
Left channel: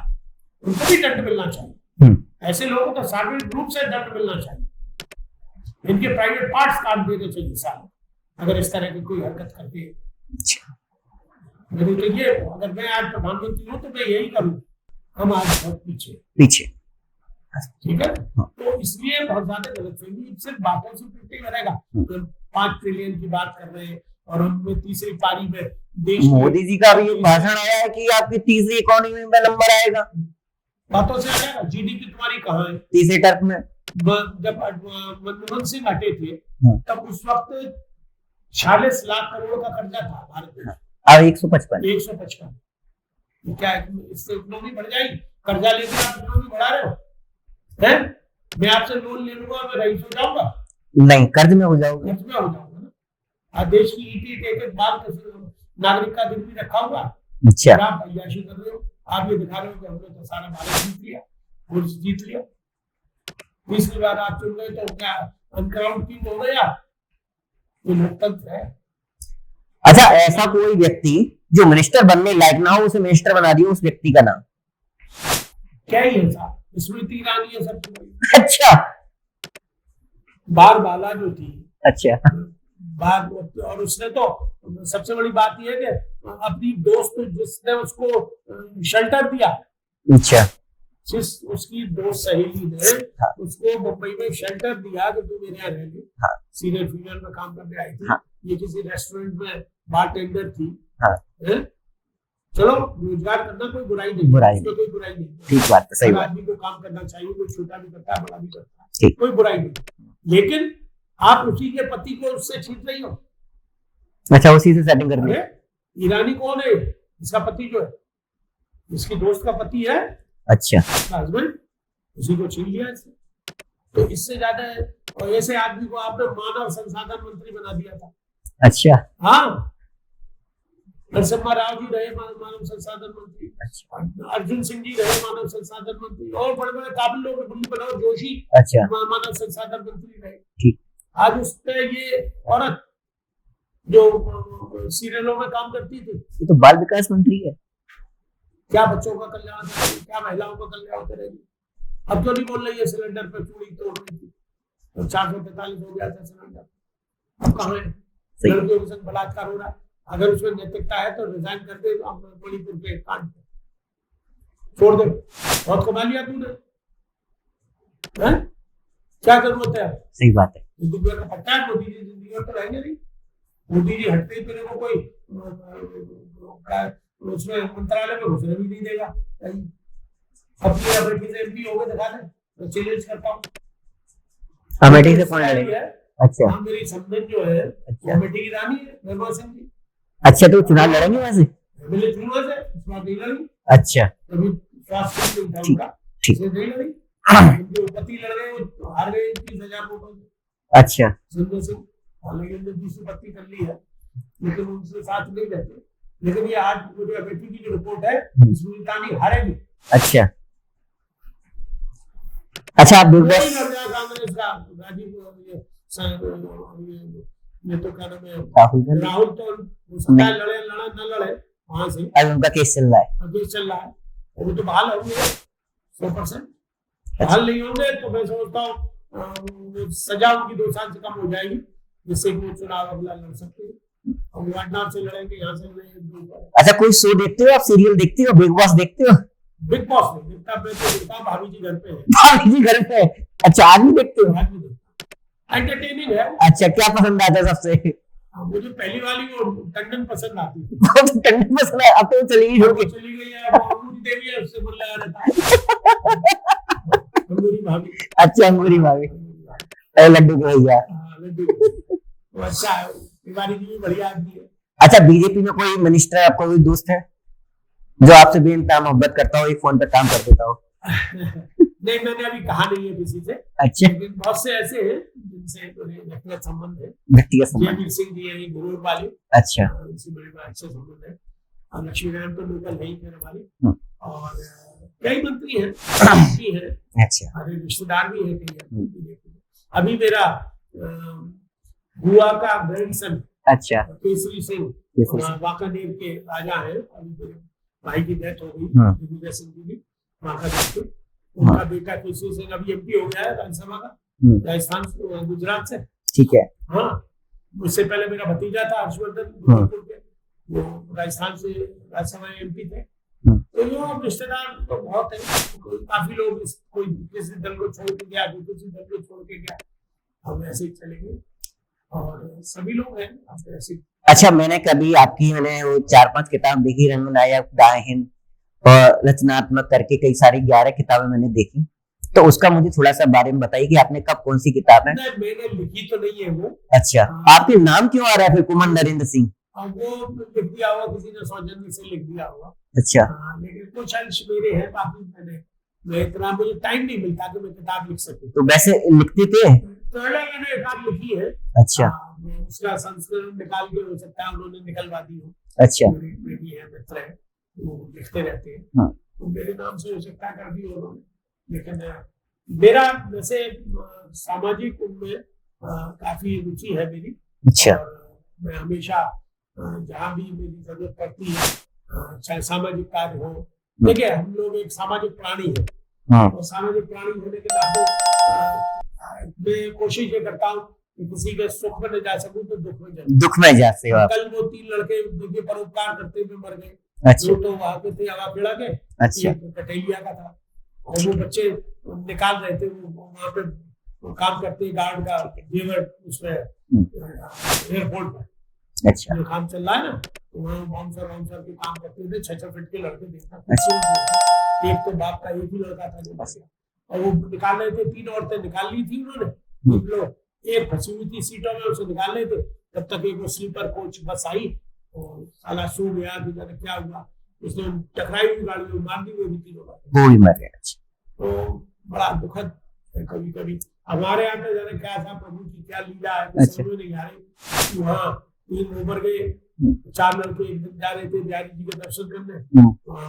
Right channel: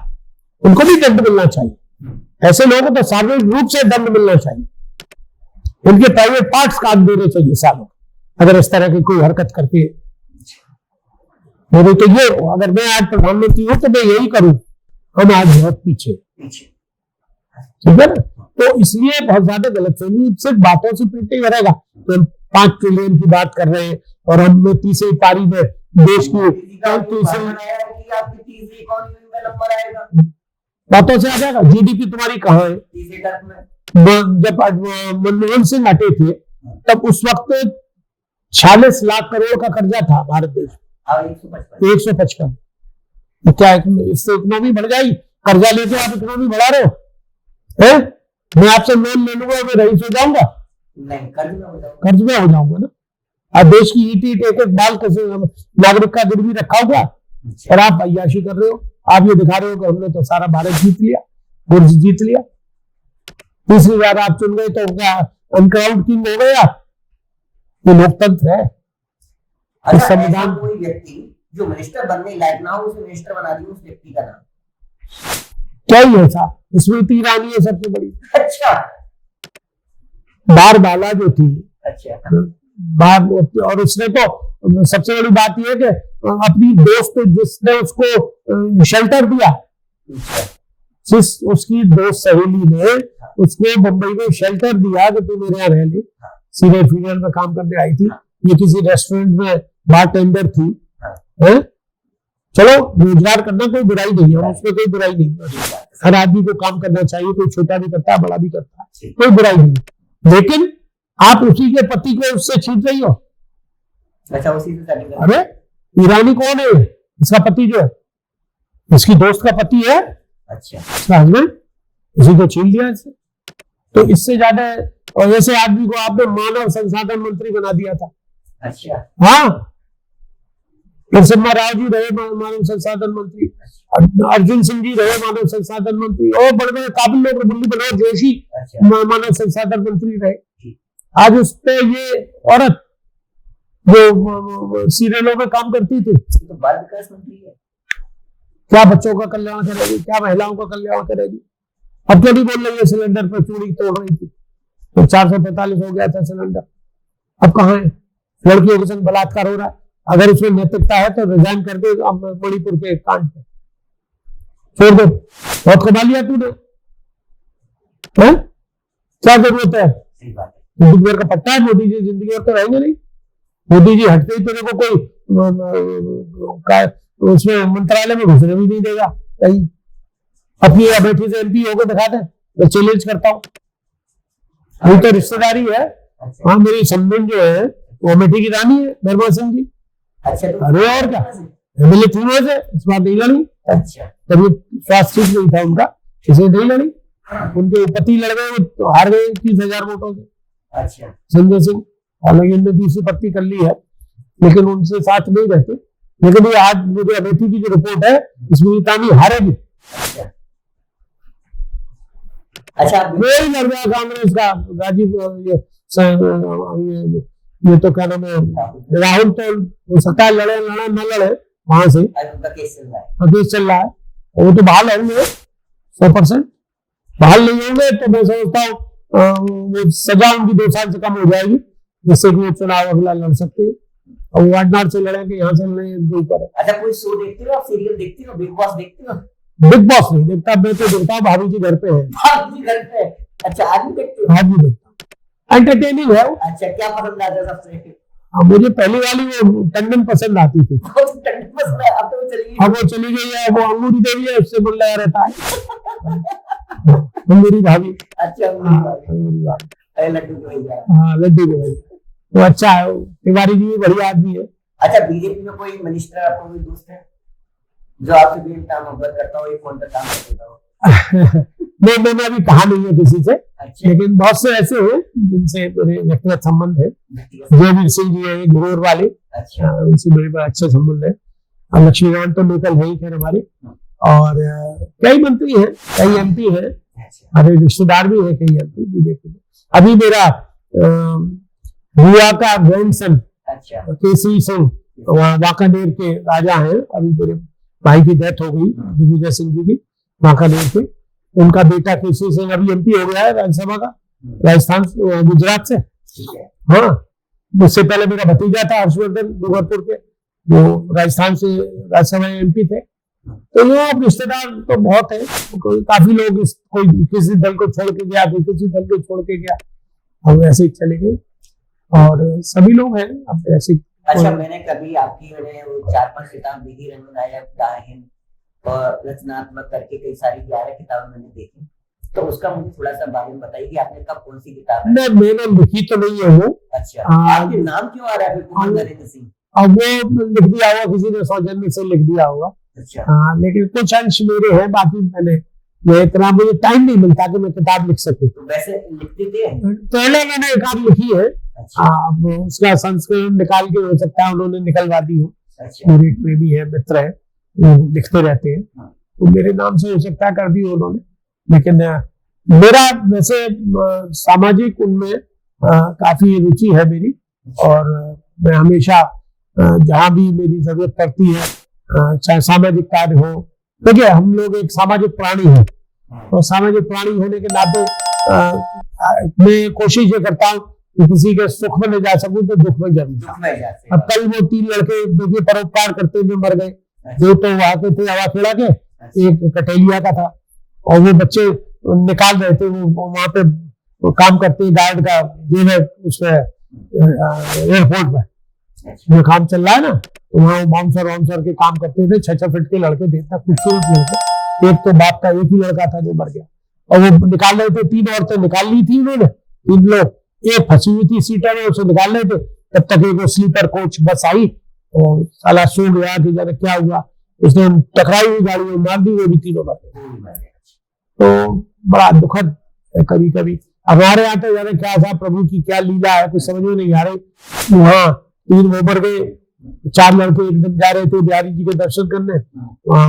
उनको भी दंड मिलना चाहिए। ऐसे लोगों को तो सार्वजनिक रूप से दंड मिलना चाहिए, उनके प्राइवेट पार्ट्स काट देने चाहिए सालों, अगर इस तरह की कोई हरकत करती है। मेरे तो ये, अगर मैं आज प्रधानमंत्री हूं तो मैं यही करूं। हम आज बहुत पीछे, ठीक है ना? तो इसलिए बहुत ज्यादा गलतफहमी, सिर्फ बातों से पेट नहीं भरेगा। तो 5 ट्रिलियन की बात कर रहे हैं और हम 30वीं पारी में देश की। मोदी जी का भी भाषण आया है कि आपकी तीसरी इकोनॉमी में नंबर आएगा, बातों से आ जाएगा। जीडीपी तुम्हारी कहाँ है? तीसरे टर्म में। जब मनमोहन सिंह हटे थे तब उस वक्त 46 लाख करोड़ का कर्जा था भारत देश, अब 155। तो क्या इससे इकोनॉमी बढ़ जाएगी? कर्जा लेके आप इकोनॉमी बढ़ा रहे हो हैं? मैं आपसे लोन ले लूंगा, मैं रईस हो जाऊंगा? नहीं, कर्ज में हो जाऊंगा ना। अब देश की ईट एक एक बाल कैसे नागरिक का गिरवी रखा होगा और आप अय्याशी कर रहे हो। आप ये दिखा रहे हो कि हमने तो सारा भारत जीत लिया, गुर्ज जीत लिया। तीसरी बार आप चुन गए तो क्या अनक्राउंड किंग हो गया? ये लोकतंत्र है। अच्छा, ऐसा कोई व्यक्ति जो मिनिस्टर बनने लायक ना हो उसे मिनिस्टर बना दिया, उस व्यक्ति का नाम क्या ही है? साहब स्मृति ईरानी है सबसे बड़ी। अच्छा, बार बाला जो थी, अच्छा बार, और उसने तो सबसे बड़ी बात यह है कि अपनी दोस्त जिसने उसको शेल्टर दिया, अच्छा, जिस उसकी दोस्त सहेली ने उसको मुंबई में शेल्टर दिया कि तू मेरे यहाँ रह ले। सीनियर फीनियर में काम करने आई थी। ये किसी रेस्टोरेंट में बार टेंडर थी। चलो, रोजगार करना कोई बुराई नहीं है, उसमें कोई बुराई नहीं है। ठीक बात है। हर आदमी को काम करना चाहिए, कोई छोटा भी करता है, बड़ा भी करता है, कोई बुराई नहीं। लेकिन आप उसी के पति को उससे छीन रही हो। अच्छा, उसी से सेटिंग कर। अरे ईरानी कौन है? इसका पति जो है, इसकी दोस्त का पति है। अच्छा, हस्बैंड, उसी को छीन लिया इससे। तो इससे ज्यादा, और ऐसे आदमी को आपने मानव संसाधन मंत्री बना दिया था। अच्छा, हाँ, नरसिम्हा राव जी रहे मानव संसाधन मंत्री, अर्जुन सिंह जी रहे मानव संसाधन मंत्री, और बड़े बड़े काबिल लोग, मुरली मनोहर जोशी मानव संसाधन मंत्री रहे। आज उस पे ये औरत जो सीरियलों में काम करती थी, तो बाल विकास मंत्री है। क्या बच्चों का कल्याण करेगी? क्या महिलाओं का कल्याण करेगी? अब क्या भी बोल रही है सिलेंडर पर चूड़ी तोड़ रही थी, तो 445 हो गया था सिलेंडर। अब कहाँ है? लड़कियों के संग बलात्कार हो रहा है। अगर उसमें नैतिकता है तो रिजाइन कर दे मणिपुर के कांड पे, छोड़ दो। बहुत कमा लिया तूने, क्या जरूरत है? सही बात है। जिंदगी भर का पट्टा है। मोदी जी जिंदगी भर तो रहेंगे नहीं। मोदी जी हटते ही तेरे को कोई उसमें मंत्रालय में घुसने भी नहीं देगा कहीं। अपनी अमेठी से एमपी होकर दिखा दे, मैं चैलेंज करता हूँ। रिश्तेदारी है। अच्छा, हाँ, मेरी संबंध जो है वो अमेठी की रानी है, निर्मल सिंह जी। अच्छा, तो एमएलए थी वहां से, इस बार नहीं लड़ी। अच्छा, तभी स्वास्थ्य ठीक नहीं था उनका, इसे नहीं लड़ी। उनके पति लड़ गए तो हार गए 30,000 वोटों से। अच्छा, संजय सिंह, हालांकि उनने दूसरी पत्नी कर ली है, लेकिन उनसे साथ नहीं रहते। लेकिन ये आज मुझे अमेठी की जो रिपोर्ट है, इसमें तानी हारेगी। अच्छा, अच्छा, आप कांग्रेस का राजीव ये तो क्या नाम है, राहुल, तो सत्ता लड़े न लड़े वहां से उनका केस चल रहा है। केस चल रहा है, वो तो बहाल होंगे 100%। बहाल नहीं होंगे तो मैं समझता हूँ सजा उनकी 2 साल से कम हो जाएगी, जिससे कि वो चुनाव अगला लड़ सकते हैं। और वायनाड से लड़ेंगे, यहाँ से लड़ेंगे ऊपर। अच्छा, कोई शो देखते हो आप? सीरियल देखते हो? बिग बॉस देखते हो? बिग बॉस नहीं देखता, मैं तो देखता हूँ भाभी जी घर पे है। भाभी जी घर पे? अच्छा, आज भी देखते हो? आज भी देखता हूँ, एंटरटेनिंग है। अच्छा, क्या पसंद आता है सबसे? मुझे पहली वाली वो टंडन पसंद आती थी। टंडन पसंद है? अब तो चली गई है, वो अंगूरी देवी है, उससे बोल रहा रहता है। अंगूरी भाभी। अच्छा, अंगूरी भाभी, लड्डू के भैया। हाँ, लड्डू के भैया। तो अच्छा है, तिवारी जी भी बढ़िया आदमी है। अच्छा, बीजेपी में कोई मिनिस्टर आपका कोई दोस्त है जो आपसे बेइंतहा मोहब्बत करता हो, एक फोन पे काम कर देता हो? नहीं, मैंने अभी कहा नहीं है किसी से। अच्छा, लेकिन बहुत से ऐसे हैं जिनसे मेरे व्यक्तिगत संबंध है। जयवीर सिंह जी है घोर वाले। अच्छा, उनसे मेरे पास अच्छा संबंध है। और लक्ष्मीकांत तो लोकल है ही थे हमारे, और कई मंत्री हैं, कई एमपी हैं। अच्छा, हमारे रिश्तेदार भी है कई एमपी बीजेपी में। अभी मेरा बुआ का ग्रैंडसन, अच्छा, केसरी सिंह, वांकानेर के राजा हैं। अभी मेरे भाई की डेथ हो गई, दिग्विजय सिंह जी की, वांकानेर के। उनका बेटा केसरी सिंह अभी एमपी हो गया है राज्यसभा का, राजस्थान, गुजरात से। ठीक है। हाँ, उससे पहले मेरा भतीजा था हर्षवर्धन डूंगरपुर के, वो राजस्थान से राज्यसभा एमपी थे। तो वो रिश्तेदार तो बहुत है, काफी लोग कोई किसी दल को छोड़ के गया, कोई किसी दल को छोड़ के गया, हम ऐसे ही चले गए। और सभी लोग हैं अब ऐसे अच्छा, मैंने कभी आपकी वो 4-5 किताब देखी, रंगनायक, दाहिन और रचनात्मक करके कई सारी 11 किताबें मैंने देखी। तो उसका मुझे थोड़ा सा बारे में बताइए कि आपने कब कौन सी किताब है? नहीं, मैंने लिखी तो नहीं है वो। अच्छा, आपके नाम क्यों आ रहा है फिर कुमार नरेंद्र सिंह? अब वो लिख दिया होगा, किसी ने सौजन्य से लिख दिया होगा। अच्छा। हाँ, लेकिन कुछ अंश मेरे हैं, बाकी मैं इतना, मुझे टाइम नहीं मिलता कि मैं किताब लिख सकूं। तो वैसे लिखते थे? पहले मैंने एक आध लिखी है। अच्छा। उसका संस्करण निकाल के हो सकता है उन्होंने निकलवा दी हो। अच्छा। मेरे एक प्रेमी है, मित्र है, वो लिखते रहते हैं। हाँ। तो मेरे नाम से हो सकता है कर दी उन्होंने, लेकिन मेरा वैसे सामाजिक उनमें काफी रुचि है मेरी। अच्छा। और मैं हमेशा जहाँ भी मेरी जरूरत पड़ती है, चाहे सामाजिक कार्य हो, देखिए हम लोग एक सामाजिक प्राणी हैं। हाँ। तो सामाजिक प्राणी होने के नाते मैं कोशिश ये करता हूँ कि किसी के सुख में ले जा सकूं तो दुख में जा सकूं। कल वो 3 लड़के देखिए परोपकार करते हुए मर गए। अच्छा। जो तो वहां के थे हवा खेड़ा के। अच्छा। एक कटेलिया का था, और वो बच्चे निकाल रहे थे, वो वहां पे वो काम करते गार्ड का जो है उसमें एयरपोर्ट में। अच्छा। काम चल रहा है ना, तो वहाँ बाउंसर के काम करते थे। 6-6 फीट के लड़के थे, इतना खूबसूरत लड़के। एक तो बाप का एक ही लड़का था जो मर गया, और वो निकाल रहे थे। 3 औरतें निकाल ली थी उन्होंने, 3 लोग, एक फंसी हुई थी सीटर में, उसे निकाल रहे थे। तब तक एक स्लीपर कोच बस आई और साला सो गया कि जाने क्या हुआ, उसने टकराई हुई गाड़ी में मार दी, वो भी 3 मर गए। तो बड़ा दुखद है कभी कभी। हमारे यहाँ तो जाने क्या था, प्रभु की क्या लीला है, कुछ समझ में नहीं आ रही। वहाँ 3 वो मर गए, 4 लड़के एकदम जा रहे थे बिहारी जी के दर्शन करने,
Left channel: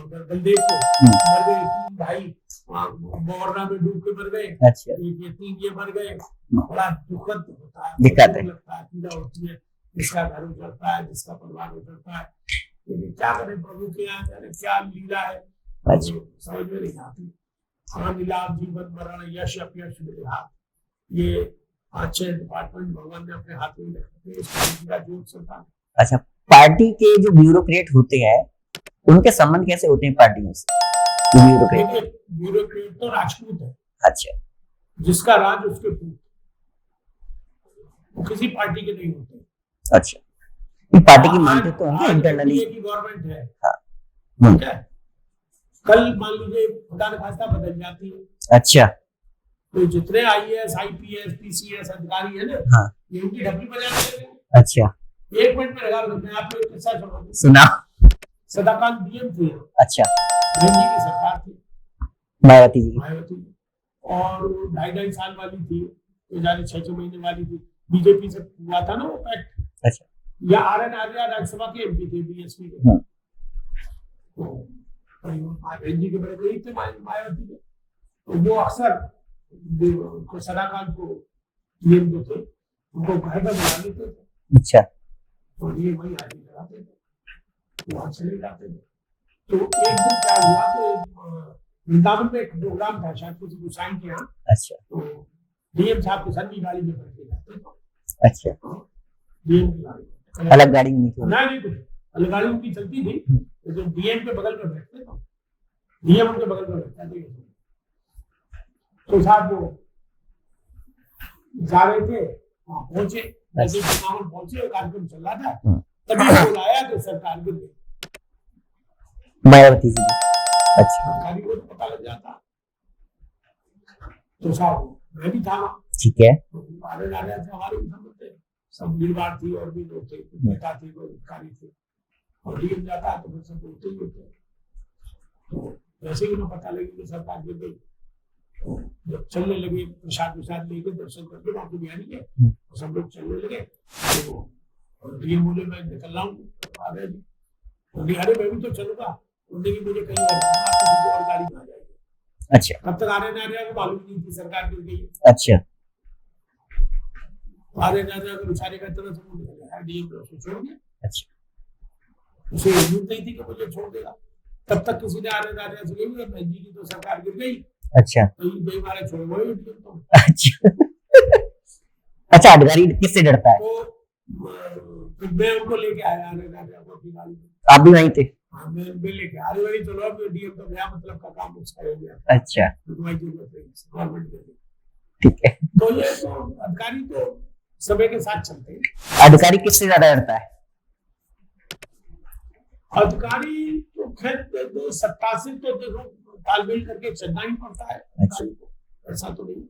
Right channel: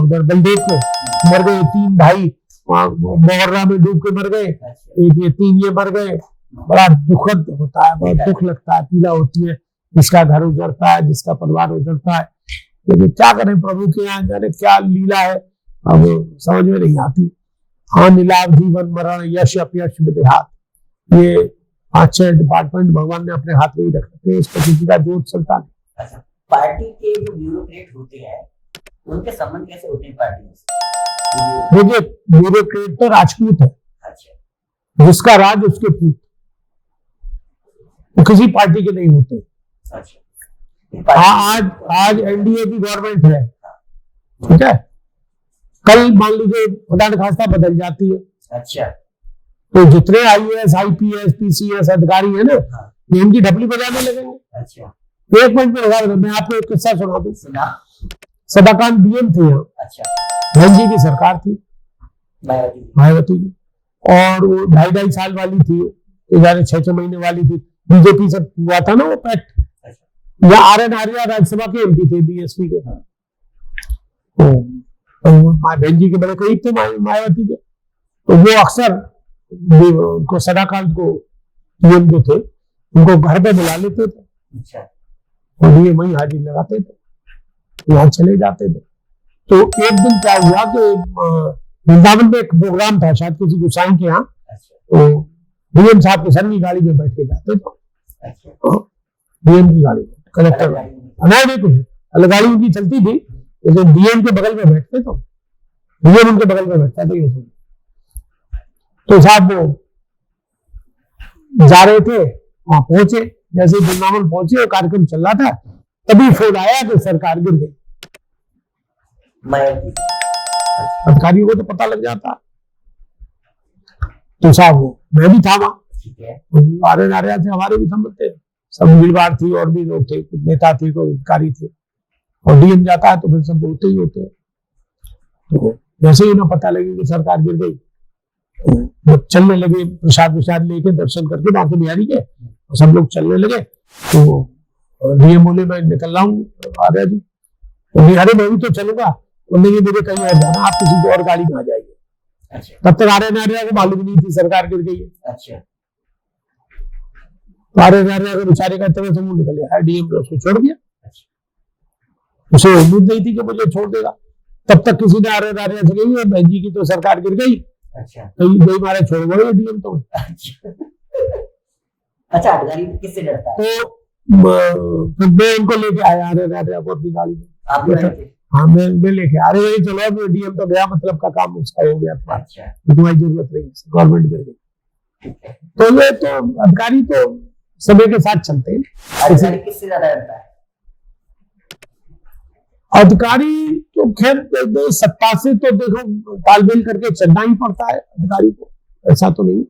उधर बलदेव में मर गए। 3 भाई वहाँ मोहर्रा में डूब के मर गए। एक ये 3 ये मर गए। बड़ा दुखद होता है, बहुत दुख लगता है, पीड़ा होती है, जिसका घर उजड़ता है, जिसका परिवार उजड़ता है। लेकिन क्या करें, प्रभु के यहाँ जाने क्या लीला है, अब समझ में नहीं आती। हाँ, नीलाभ, जीवन मरण, यश अपयश विदेहात, ये 5-6 डिपार्टमेंट भगवान ने अपने हाथ में ही रखे थे, इस पर किसी का जोर चलता है। अच्छा, पार्टी के जो ब्यूरोक्रेट होते हैं उनके संबंध कैसे होते हैं पार्टियों से? ब्यूरोक्रेट तो राजपूत है। अच्छा। जिसका राज उसके पूत, वो किसी पार्टी के नहीं होते। अच्छा। आज एनडीए की गवर्नमेंट है, ठीक है, कल मान लीजिए खुदा न खास्ता बदल जाती है। अच्छा। तो जितने IAS, IPS, PCS अधिकारी है ना, ये इनकी ढपली बजाने लगेंगे। अच्छा। 1 मिनट में लगा, मैं आपको एक किस्सा सुना दूं। सुना। सदाकांत DM थे यहाँ। अच्छा। बहन जी की सरकार थी, मायावती जी, और वो 2.5 साल वाली थी, 6-6 महीने वाली थी। बीजेपी से हुआ था ना वो पैक्ट। अच्छा। या RN आर्या राज्यसभा के MP थे, BSP के। तो बहन जी के बड़े करीब थे मायावती के। तो वो अक्सर उनको सदाकांत को PM जो थे उनको घर पे बुला लेते थे। अच्छा। और ये वही हाजिर लगाते थे, वहां चले जाते थे। तो एक दिन क्या हुआ कि वृंदावन में एक प्रोग्राम था शायद किसी गोसाई के यहाँ। अच्छा। तो DM साहब को सर की गाड़ी में बैठ के जाते थे। अच्छा। तो DM की गाड़ी में, अलग गाड़ी में नहीं, कुछ अलग गाड़ी उनकी चलती थी, लेकिन DM के बगल में बैठते, तो DM उनके बगल में बैठता था। ये तो साहब वो जा रहे थे, वहां पहुंचे, जैसे वृंदावन पहुंचे और कार्यक्रम चल रहा था, तभी खोज आया कि सरकार गिर गई। मायावती जी। अच्छा। अधिकारियों को तो पता लग जाता। तो साहब वो मैं भी था वहां, ठीक है, RN आर्या थे, हमारे भी संबंध थे, सब भीड़ भाड़ थी, और भी लोग थे, कुछ नेता थे, कोई अधिकारी थे, और DM जाता है तो फिर सब बोलते ही होते हैं। तो जैसे ही उन्हें पता लगे कि सरकार गिर गई, तो चलने लगे, प्रसाद लेके दर्शन करके बांके बिहारी के, और सब लोग चलने लगे। तो DM बोले मैं निकल रहा हूँ आर्या जी। तो अरे मैं भी तो चलूंगा, उन्हें मुझे कहीं और जाना, आप किसी और गाड़ी में आ जाइए। अच्छा। तब तक RN आर्या को मालूम नहीं थी सरकार गिर गई है। अच्छा। तो RN आर्या के बेचारे का तरह से मुंह निकल गया, DM ने उसको छोड़ दिया। अच्छा। उसे उम्मीद नहीं थी कि मुझे छोड़ देगा। तब तक किसी ने RN आर्या से कही बहन जी की तो सरकार गिर गई। अच्छा। तो गई मारे छोड़ गए DM तो। अच्छा। अच्छा, अधिकारी किससे डरता है? तो मैं उनको लेके आया RN आर्या को अपनी गाड़ी में। आप भी वहीं थे? हाँ, मैं लेके आ रहे, चलो DM तो गया, मतलब का काम उसका हो गया था। अच्छा। तो तुम्हारी जरूरत नहीं, गवर्नमेंट गिर गई। ठीक है। तो ये तो अधिकारी तो समय के साथ चलते हैं। अधिकारी किससे ज्यादा डरता है? अधिकारी तो खैर सत्ता से तो देखो तालमेल करके चलना ही पड़ता है अधिकारी को, ऐसा तो नहीं।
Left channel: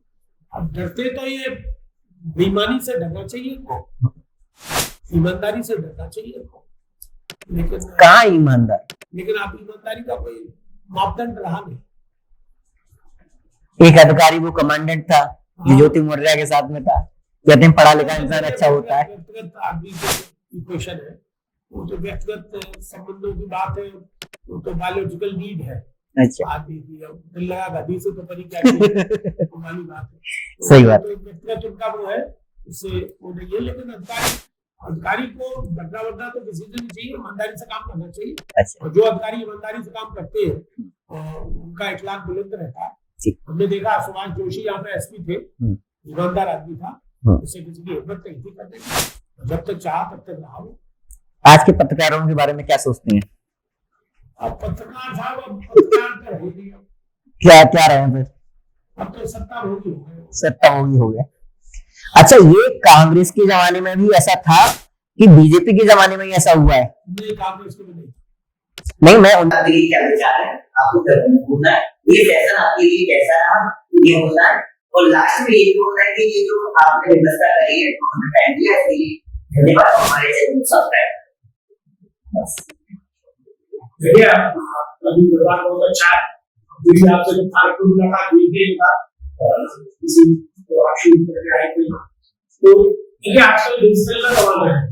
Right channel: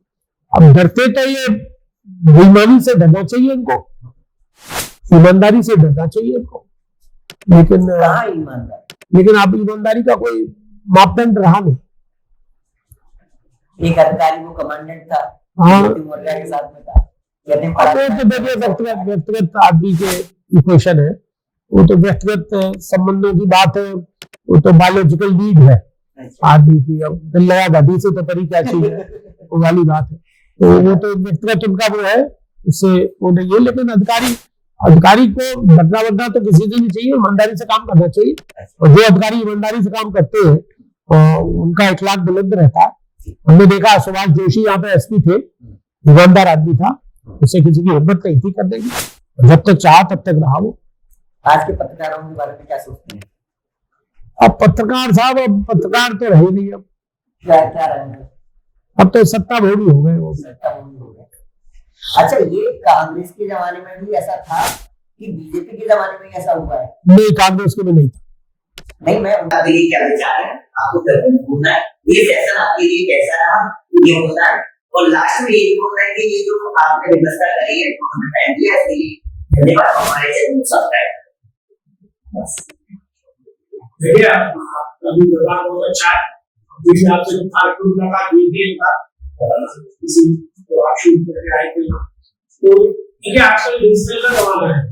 अब डरते तो ये बेईमानी से डरना चाहिए इनको, ईमानदारी से डरना चाहिए इनको, लेकिन कहाँ ईमानदार, लेकिन अब ईमानदारी का कोई मापदंड रहा नहीं। एक अधिकारी वो कमांडेंट था, ज्योति मौर्य के साथ में था, कहते हैं पढ़ा लिखा व्यक्तिगत आदमी के इक्वेशन है, वो तो व्यक्तिगत संबंधों की बात है, वो तो बायोलॉजिकल नीड है आदमी की। अब दिल लगा दादी से तो परी क्या चीज है, वो वाली बात है। तो व्यक्तिगत उनका वो है, उससे वो नहीं है। लेकिन अधिकारी को बदला तो किसी से नहीं चाहिए, ईमानदारी से काम करना चाहिए। और जो अधिकारी ईमानदारी से काम करते हैं उनका इखलाक बुलंद रहता है। हमने देखा सुभाष जोशी यहाँ पे एसपी थे, ईमानदार आदमी था, उससे किसी की हिम्मत नहीं थी करने की, जब तक चाहा तब तक रहा वो। आज के पत्रकारों के बारे में क्या सोचते हैं? अब पत्रकार साहब, अब पत्रकार तो रहे नहीं, अब क्या रहे फिर? अब तो सत्ता भोगी हो गए, वो सत्ता भोगी हो गया। अच्छा, ये कांग्रेस के जमाने में भी ऐसा था कि बीजेपी के जमाने में ऐसा हुआ है? नहीं, कांग्रेस के में नहीं था। नहीं, मैं उनका क्या विचार है, आपको बोलना है ये फैसला आपके लिए कैसा रहा, ये बोलना है। और लास्ट में ये बोलना है कि ये जो आपने व्यवस्था करी है, हमने टाइम दिया है, धन्यवाद। हमारे चैनल को सब्सक्राइब देखिए, अभी व्यवहार बहुत अच्छा है। देखिए, आपसे जो कार्यक्रम मुलाकात हुई थी किसी तो आप शुरू करके आए थे, तो देखिए आजकल डिजिटल का जमाना है,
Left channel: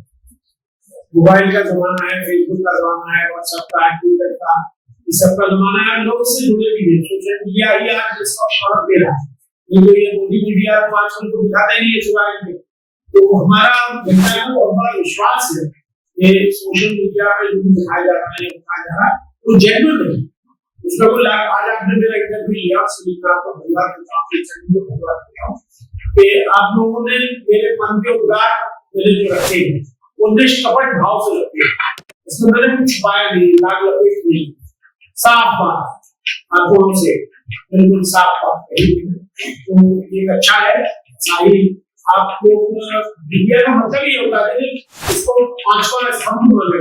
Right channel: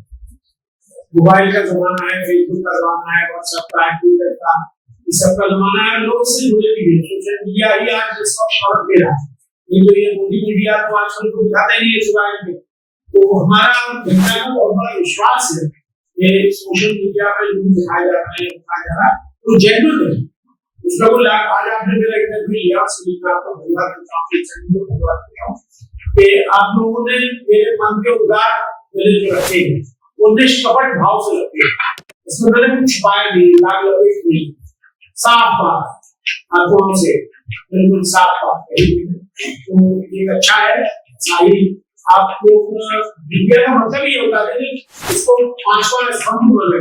मोबाइल का जमाना है, फेसबुक का जमाना है, व्हाट्सएप का, ट्विटर का, इस सब का जमाना है। लोग इससे जुड़े भी हैं, सोशल मीडिया ही आज इसका शौक दे रहा है। ये मोदी मीडिया तो आजकल तो दिखाता ही नहीं है मोबाइल पे। तो हमारा जनता को बहुत बड़ा विश्वास है ये सोशल मीडिया पे जो दिखाया जा रहा है, वो जेन्युइन है, उसका कोई लाभ। आज आपने मेरा इंटरव्यू लिया, सुनीता को धन्यवाद करता हूं कि आप लोगों ने मेरे मन के उद्गार मेरे जो रखे हैं वो निष्कपट भाव से रखे, इसमें मैंने कुछ छुपाया नहीं, लाग लपेट नहीं, साफ बात आंखों से बिल्कुल साफ बात। तो ये अच्छा है। सारी आप लोग मीडिया का मतलब ही होता है इसको पांचवा स्तंभ माना,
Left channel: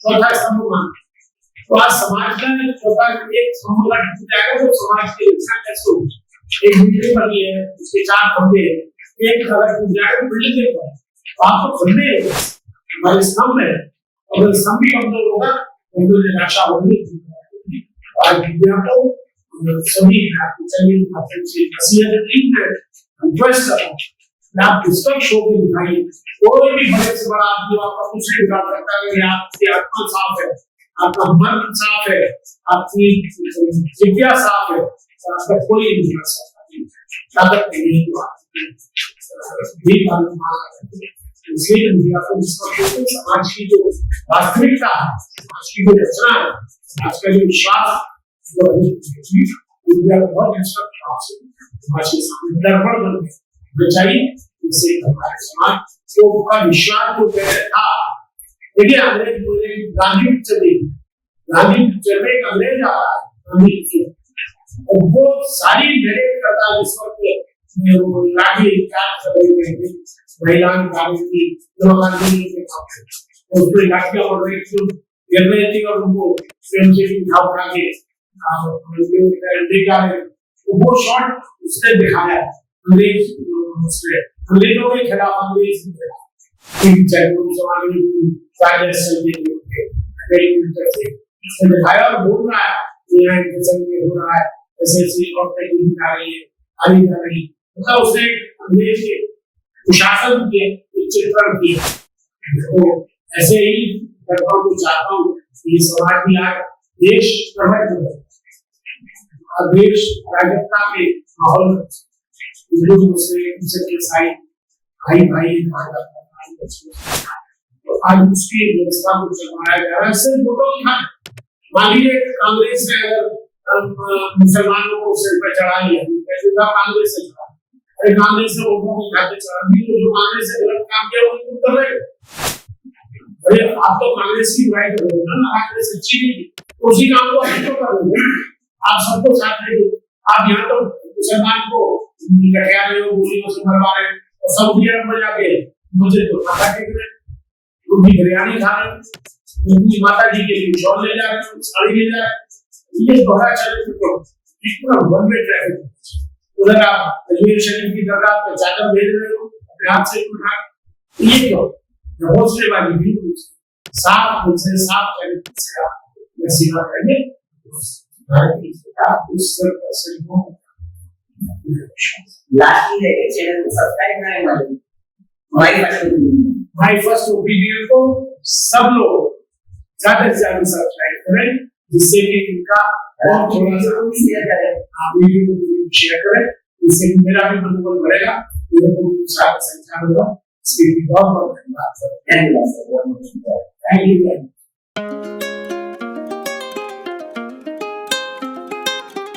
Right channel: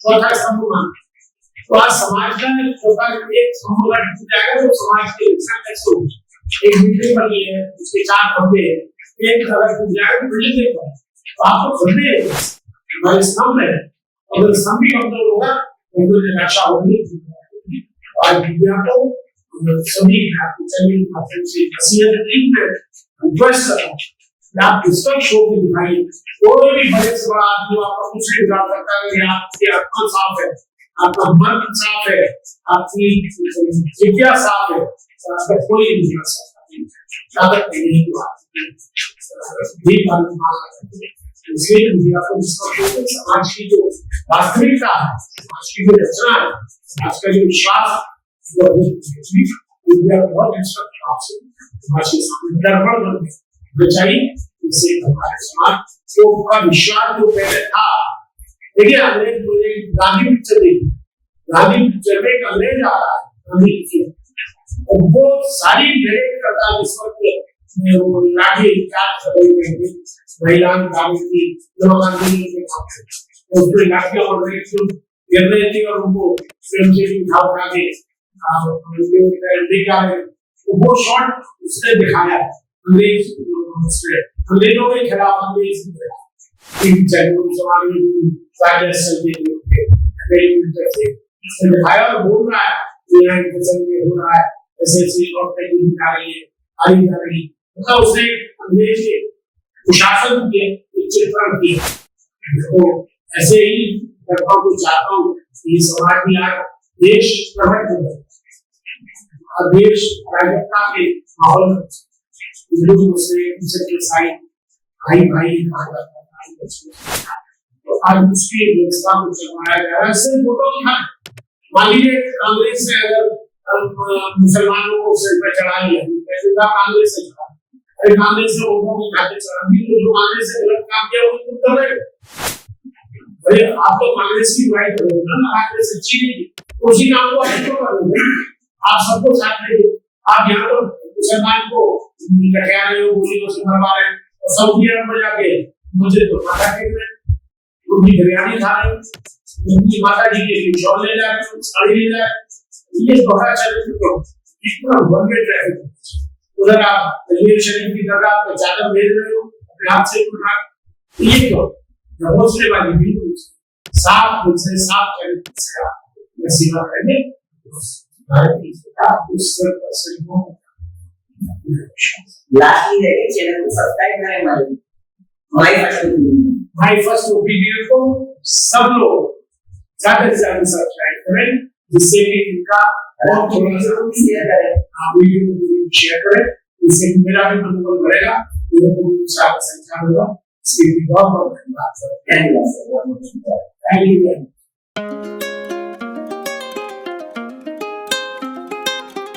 चौथा स्तंभ माना। तो आज समाज में चौथा एक स्तंभ का टूट जाएगा तो समाज की रक्षा कैसे होगी? एक बिल्डिंग बनी है, उसके 4 खंभे, एक अगर टूट जाएगा तो बिल्डिंग नहीं बनेगी। तो आपको खंभे हमारे स्तंभ है, अगर स्तंभ ही कमजोर होगा तो रक्षा होगी। आज मीडिया को सभी चैनल माध्यम से नसीहत नहीं है, रिक्वेस्ट कर रहा हूं आप पुस्तक शो की दिखाइए। कोई भी बड़े से बड़ा आदमी आपका कुछ नहीं बिगाड़ सकता है। आपकी आत्मा साफ है, आपका मन साफ है, आपकी विद्या साफ है, आपका कोई नहीं बिगाड़ सकता। ताकत नहीं इसलिए मीडिया को समाज की जो वास्तविकता है, समाज की जो रचना है, समाज का जो विश्वास मीडिया को बहुत समाज के सामने दर्पण बन बचाई। इससे हमारे समाज का विश्वास जो पहले था। देखिए, अंग्रेज मुझे गांधी पिक्चर देखी, गांधी पिक्चर में एक अंग्रेज आता है, गांधी पिक्चर, और वो सारी डायरेक्ट करता है इस वक्त लाठी चार्ज कर रही है महिलाओं की, गांधी उसमें लाठियां उड़ रही थी, गिर रही थी और उनको फ्रेम से उठा के वो शॉट उसने दिखाया अंग्रेजों के खिलाफ। अंग्रेज जमाने में दिखाया और बोल रहा है हो रहा है, ऐसे औरतें जा रही है, आई जा रही, मतलब उसने अंग्रेज के कुशासन के चित्रण किया। तो ऐसे ही मैं को चाहता हूँ कि समाज में आज देश प्रकट हो गया, देश राजकता के माहौल में भाई तो आज उसकी व्यवस्था को चलवाया जा रहा है। सिर्फ वोटों की मान लीजिए कांग्रेस ने अगर मुसलमानों को सिर पर चढ़ा लिया, कांग्रेस से चढ़ा, अरे कांग्रेस ने वोटों की खाते चढ़ा दी, तो जो कांग्रेस से गलत काम किया वो तुम कर रहे हो। अरे आप तो कांग्रेस की बुराई कर रहे हो ना, कांग्रेस अच्छी नहीं, उसी काम को आप तो कर रहे हो, आप सबको साथ लेंगे। आप यहाँ तो मुसलमान को लटका रहे हो, गोलियों से मरवा रहे हो, और सऊदी अरब में जाके मुझे तो पता है कि बिरयानी खा रहे हो, उनकी माता जी के लिए शॉल ले जा रहे हैं, साड़ी ले जा रहे हैं, ये दोहरा चरित्र को कितना वन वे ट्रैफिक। उधर आप अजमेर शरीफ की दरगाह पे चादर भेज रहे हो अपने हाथ से उठा, ये तो हौसले वाली बिल्कुल साफ मुझ से साफ चरित्र से आप सेवा करेंगे। लास्टली देखिए चैनल को सब्सक्राइब करें माय फर्स्ट ओपिनियन को सब लोग ज्यादा से ज्यादा सब्सक्राइब करें, जिससे कि इनका और थोड़ा सा शेयर करें, आप वीडियो को शेयर करें, इससे मेरा भी मनोबल बढ़ेगा, मेरे को भी उत्साह संचार होगा। इसके लिए बहुत बहुत धन्यवाद सर। Thank you.